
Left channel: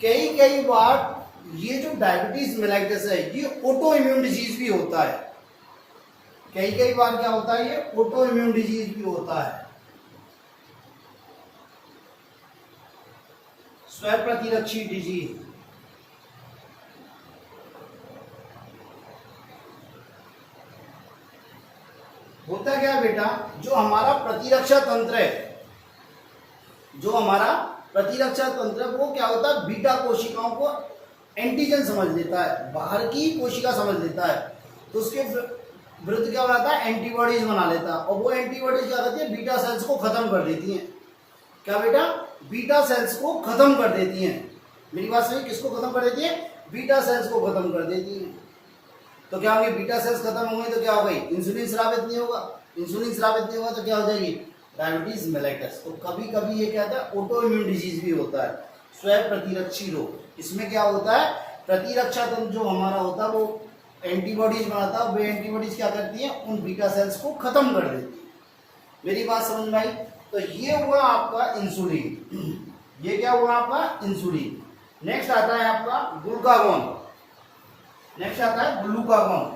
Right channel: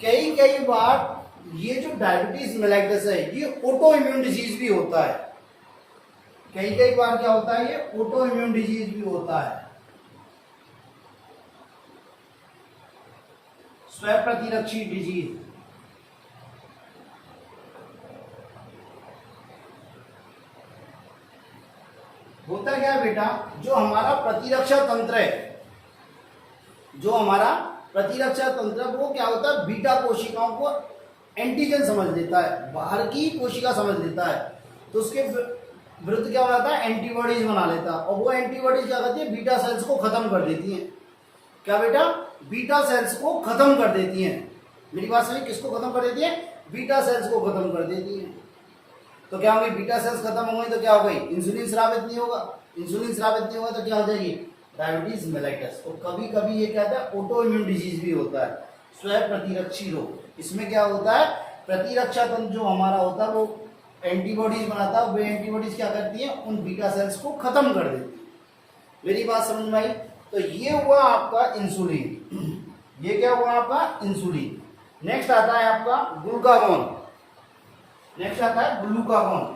कई बार ये जो डायबिटीज मेलाइटस है ये ऑटो इम्यून डिजीज भी होता है। कई बार क्या होता है? ये ऑटो इम्यून डिजीज भी होता है। स्वयं प्रतिरक्षी डिजीज। होता क्या है बेटा? जो हमारा प्रतिरक्षा तंत्र है, जो हमारा प्रतिरक्षा तंत्र है वो क्या होता है? बीटा कोशिकाओं को एंटीजन समझ लेता है, बाहर की कोशिका समझ लेता है। तो उसके विरुद्ध क्या हो जाता है, एंटीबॉडीज बना लेता है, और वो एंटीबॉडीज क्या करती है, बीटा सेल्स को खत्म कर देती हैं। क्या बेटा, बीटा सेल्स को खत्म कर देती हैं। मेरी बात समझिए, किसको खत्म कर देती है, बीटा सेल्स को खत्म कर देती हैं। तो क्या होगी, बीटा सेल्स खत्म हो गई तो क्या हो गई, इंसुलिन स्रावित नहीं होगा, इंसुलिन स्रावित नहीं होगा तो क्या हो जाएगी, डायबिटीज मेलाइटस। तो कभी कभी ये कहता है ऑटो इम्यून डिजीज भी होता है, स्वयं प्रतिरक्षी रोग। इसमें क्या होता है, प्रतिरक्षा तंत्र जो हमारा होता है वो एंटीबॉडीज बनाता है, वे एंटीबॉडीज क्या करती हैं, उन बीटा सेल्स को खत्म कर देती है। मेरी बात समझ में आई। तो ये हुआ आपका इंसुलिन, ये क्या हुआ आपका इंसुलिन। नेक्स्ट आता है आपका ग्लूकागॉन, नेक्स्ट आता है ग्लूकागॉन।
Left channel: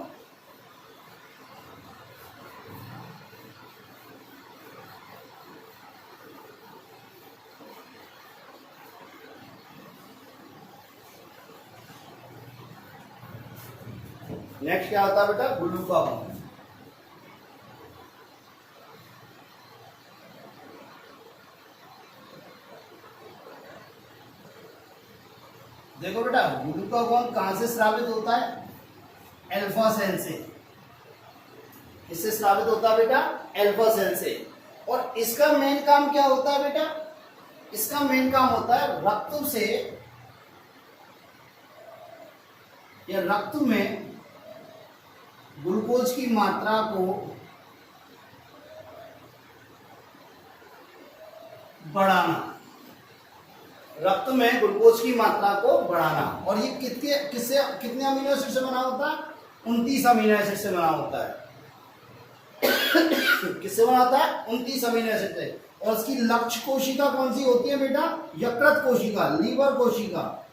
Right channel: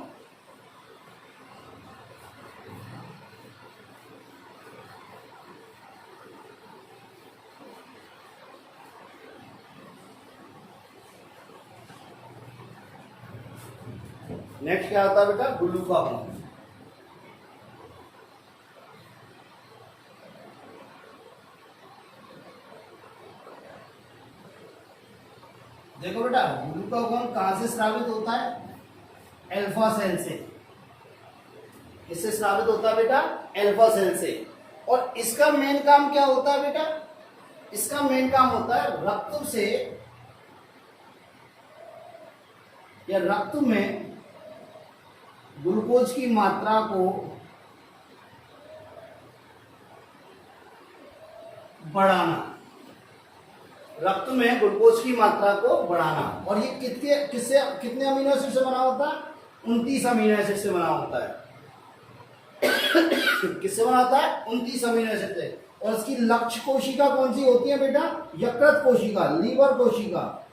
नेक्स्ट क्या होता है बेटा, ग्लूकागॉन। देखो बेटा, ग्लूकागॉन कहां से स्रावित होता है, अल्फा सेल से। इससे स्रावित होता है बेटा अल्फा सेल से। और इसका मेन काम क्या होता है बेटा, इसका मेन काम होता है रक्त से या रक्त में ग्लूकोज की मात्रा को बढ़ाना, रक्त में ग्लूकोज की मात्रा को बढ़ाना। और ये कितने अमीनो एसिड से बना होता है, 29 अमीनो एसिड से बना होता है। किससे बना होता है, 29 अमीनो एसिड से। और इसकी लक्ष्य कोशिका कौन सी होती है बेटा, यकृत कोशिका, लीवर कोशिका।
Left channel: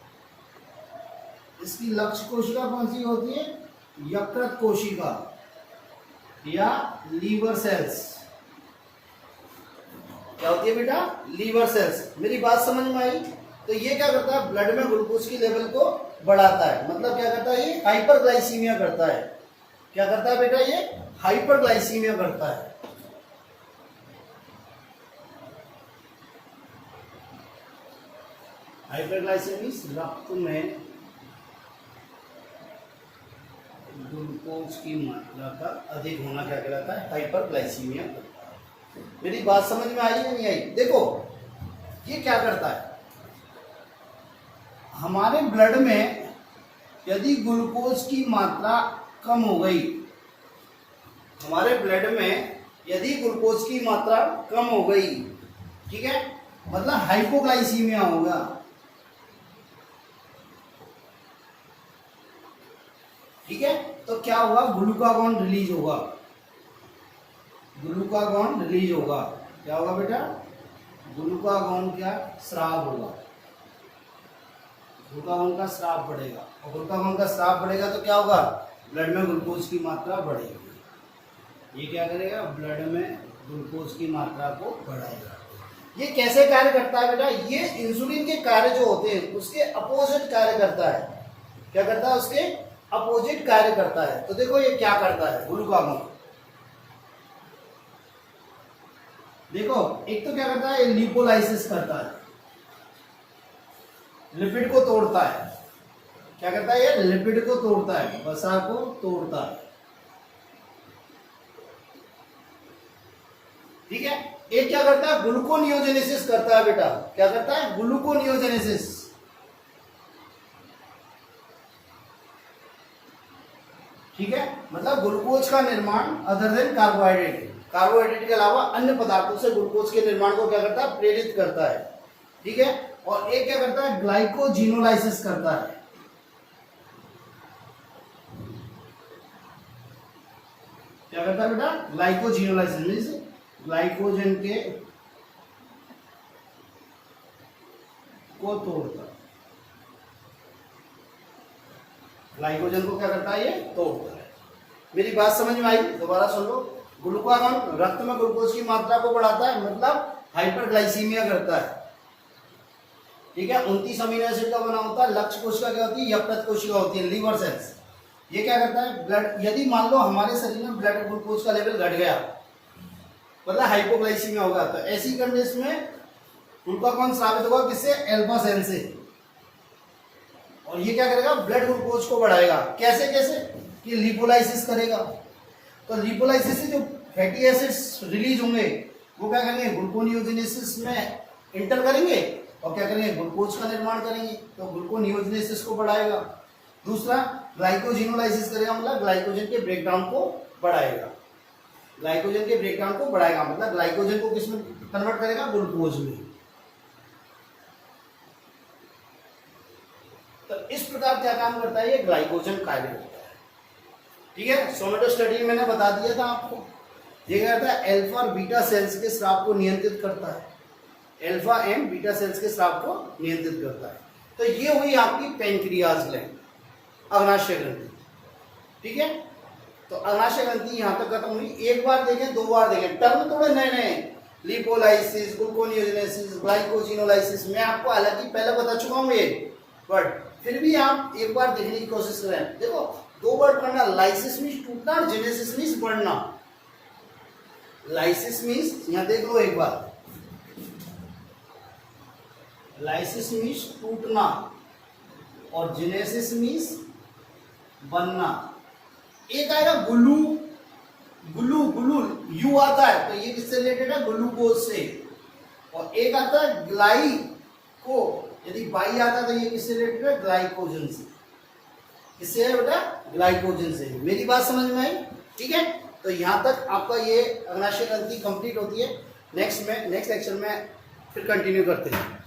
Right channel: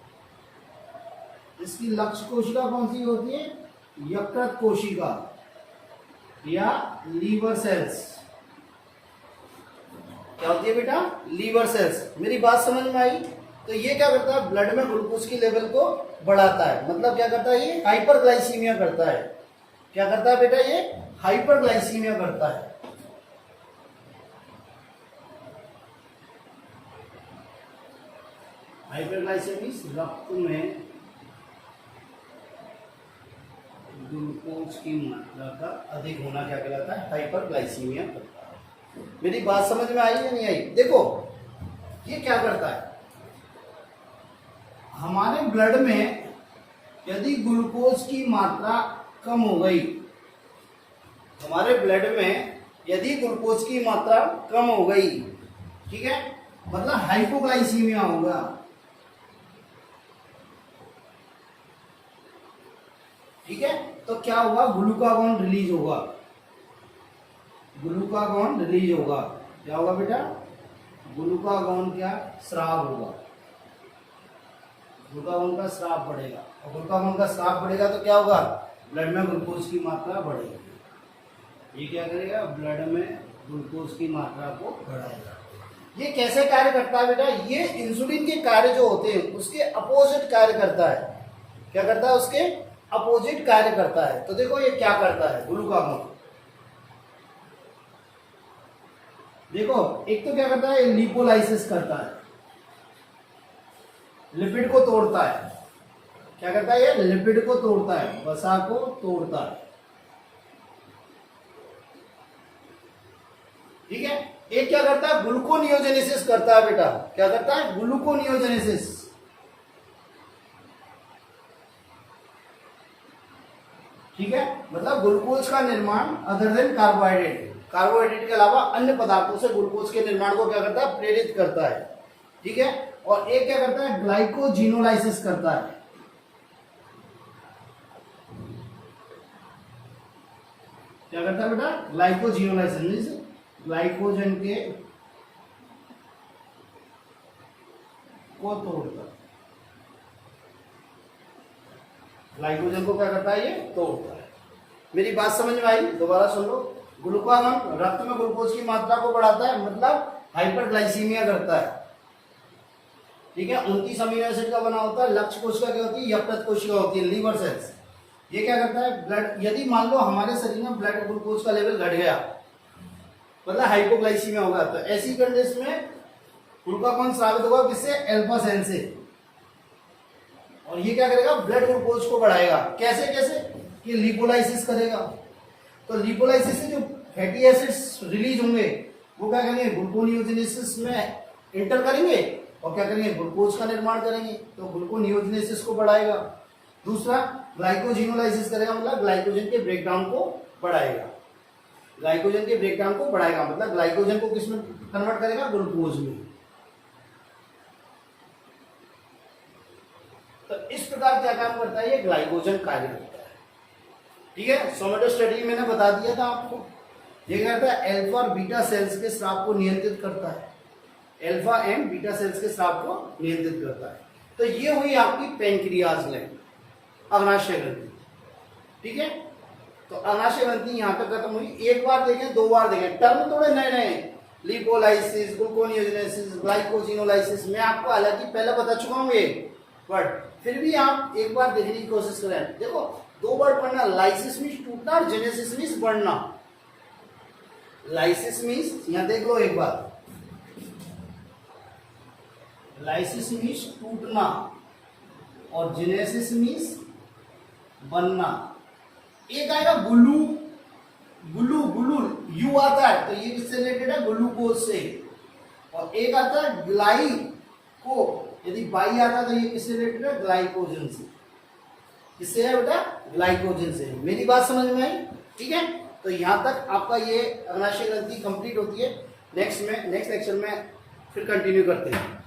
इसकी लक्ष्य कोशिका कौन सी होती है, यकृत कोशिका या लीवर सेल्स। क्या होती है बेटा, लीवर सेल्स। मेरी बात समझ में आई। तो ये क्या करता है, ब्लड में ग्लूकोज की लेवल को बढ़ाता है। मतलब क्या करता है, ये हाइपरग्लाइसीमिया करता है। क्या करता है बेटा, ये हाइपरग्लाइसीमिया करता है। हाइपरग्लाइसेमिया रक्त में ग्लूकोज की मात्रा का अधिक होना क्या कहलाता है, हाइपरग्लाइसीमिया करता है। मेरी बात समझ में आई या नहीं आई। देखो ये क्या करता है, हमारे ब्लड में यदि ग्लूकोज की मात्रा कम हो गई, हमारे ब्लड में यदि ग्लूकोज की मात्रा कम हो गई, ठीक है, मतलब हाइपोग्लाइसीमिया होगा। ठीक है, तो क्या होगा, ग्लूकागॉन रिलीज होगा, ग्लूकागॉन रिलीज होगा। क्या होगा बेटा, ग्लूकागॉन क्या स्राव होगा, ग्लूकागॉन का स्राव बढ़ेगा। और ग्लूकागॉन का स्राव बढ़ेगा तो क्या होगा, ब्लड में ग्लूकोज की मात्रा बढ़ेगी। ये क्या करेगा, ब्लड में ग्लूकोज की मात्रा को बढ़ाएगा। ये कैसे कार्य करता है बेटा, ये इंसुलिन के कार्य जो होते हैं उसके अपोजिट कार्य करता है। क्या करता है, उसके अपोजिट कार्य करता है। तो देखो ये क्या करता है ग्लूकागॉन, देखो एक तो क्या करता है, लिपोलाइसिस करता है, लिपिड को तोड़ता है। क्या करता है, ये लिपिड को तोड़ता है, वसा को तोड़ता है। ठीक है, एक क्या करता है, ग्लूकोनियोजेनेसिस करता है बेटा। क्या करता है, ग्लूकोनियोजेनेसिस। ठीक है, मतलब ग्लूकोज का निर्माण अदर देन कार्बोहाइड्रेट, कार्बोहाइड्रेट के अलावा अन्य पदार्थों से ग्लूकोज के निर्माण को क्या करता है, प्रेरित करता है। ठीक है, और एक क्या करता है, ग्लाइकोजिनोलाइसिस करता है। क्या करता है बेटा, ग्लाइकोजिनोलाइसिस मींस ग्लाइकोजन के को तोड़ता है, ग्लाइकोजन को क्या करता है, ये तोड़ता है। मेरी बात समझ में आई, दोबारा सुन लो। ग्लूकागॉन रक्त में ग्लूकोज की मात्रा को बढ़ाता है, मतलब हाइपरग्लाइसीमिया करता है। ठीक है, 29 अमीनो एसिड का बना होता है। लक्ष्य कोशिका क्या होती है, यकृत कोशिका होती है, लीवर सेल्स। ये क्या करता है, ब्लड, यदि मान लो हमारे शरीर में ब्लड ग्लूकोज का लेवल घट गया, मतलब हाइपोग्लाइसीमिया होगा, तो ऐसी कंडीशन में ग्लूकागॉन स्रावित होगा किससे, अल्फा सेल से। और ये क्या करेगा, ब्लड ग्लूकोज को बढ़ाएगा। कैसे कैसे, ये लिपोलाइसिस करेगा। तो लिपोलाइसिस से जो फैटी एसिड्स रिलीज होंगे वो क्या करेंगे, ग्लूकोनियोजेनेसिस में इंटर करेंगे और क्या करेंगे, ग्लूकोज का निर्माण करेंगे। तो ग्लूकोनियोजेनेसिस को बढ़ाएगा। दूसरा ग्लाइकोजिनोलाइसिस करेगा, मतलब ग्लाइकोजन के ब्रेकडाउन को बढ़ाएगा। ग्लाइकोजन के ब्रेकडाउन को बढ़ाएगा मतलब ग्लाइकोजन को किसमें कन्वर्ट करेगा, ग्लूकोज में। तो इस प्रकार क्या काम करता है, ये ग्लाइकोजन कार्य करता है। ठीक है, सोमेटो स्टडी मैंने बता दिया था आपको। ये क्या करता है, अल्फा और बीटा सेल्स के स्राव को नियंत्रित करता है। अल्फा एंड बीटा सेल्स के स्राव को नियंत्रित करता है। तो ये हुई आपकी पैंक्रियाज ग्लैंड, अग्नाशय ग्रंथि। ठीक है, तो अग्नाशय ग्रंथि यहां तक खत्म हुई। एक बार देखें, दो बार देखें, टर्म थोड़े नए नए, लिपोलाइसिस, ग्लूकोनियोजेनेसिस, ग्लाइकोजिनोलाइसिस, मैं आपको हालांकि पहले बता चुका हूं ये, बट फिर भी आप एक बार देखने की कोशिश करें। देखो, दो वर्ड पढ़ना, लाइसिस मीन्स टूटना और जेनेसिस मीन्स बढ़ना। लाइसिस मीन्स, यहां देख लो एक बार, लाइसिस मीन्स टूटना और जेनेसिस मीन्स बनना। एक आएगा गुलू, गुलू गुलू यू आता है, तो ये किससे रिलेटेड है, ग्लूकोज से। और एक आता है ग्लाइको, यदि बाई आता है तो ये किससे रिलेटेड है, ग्लाइकोजन से। किससे है बेटा, ग्लाइकोजन से। मेरी बात समझ में आई? ठीक है, तो यहां तक आपका ये अग्नाशय ग्रंथि कंप्लीट होती है। नेक्स्ट लेक्चर में फिर कंटिन्यू करते हैं।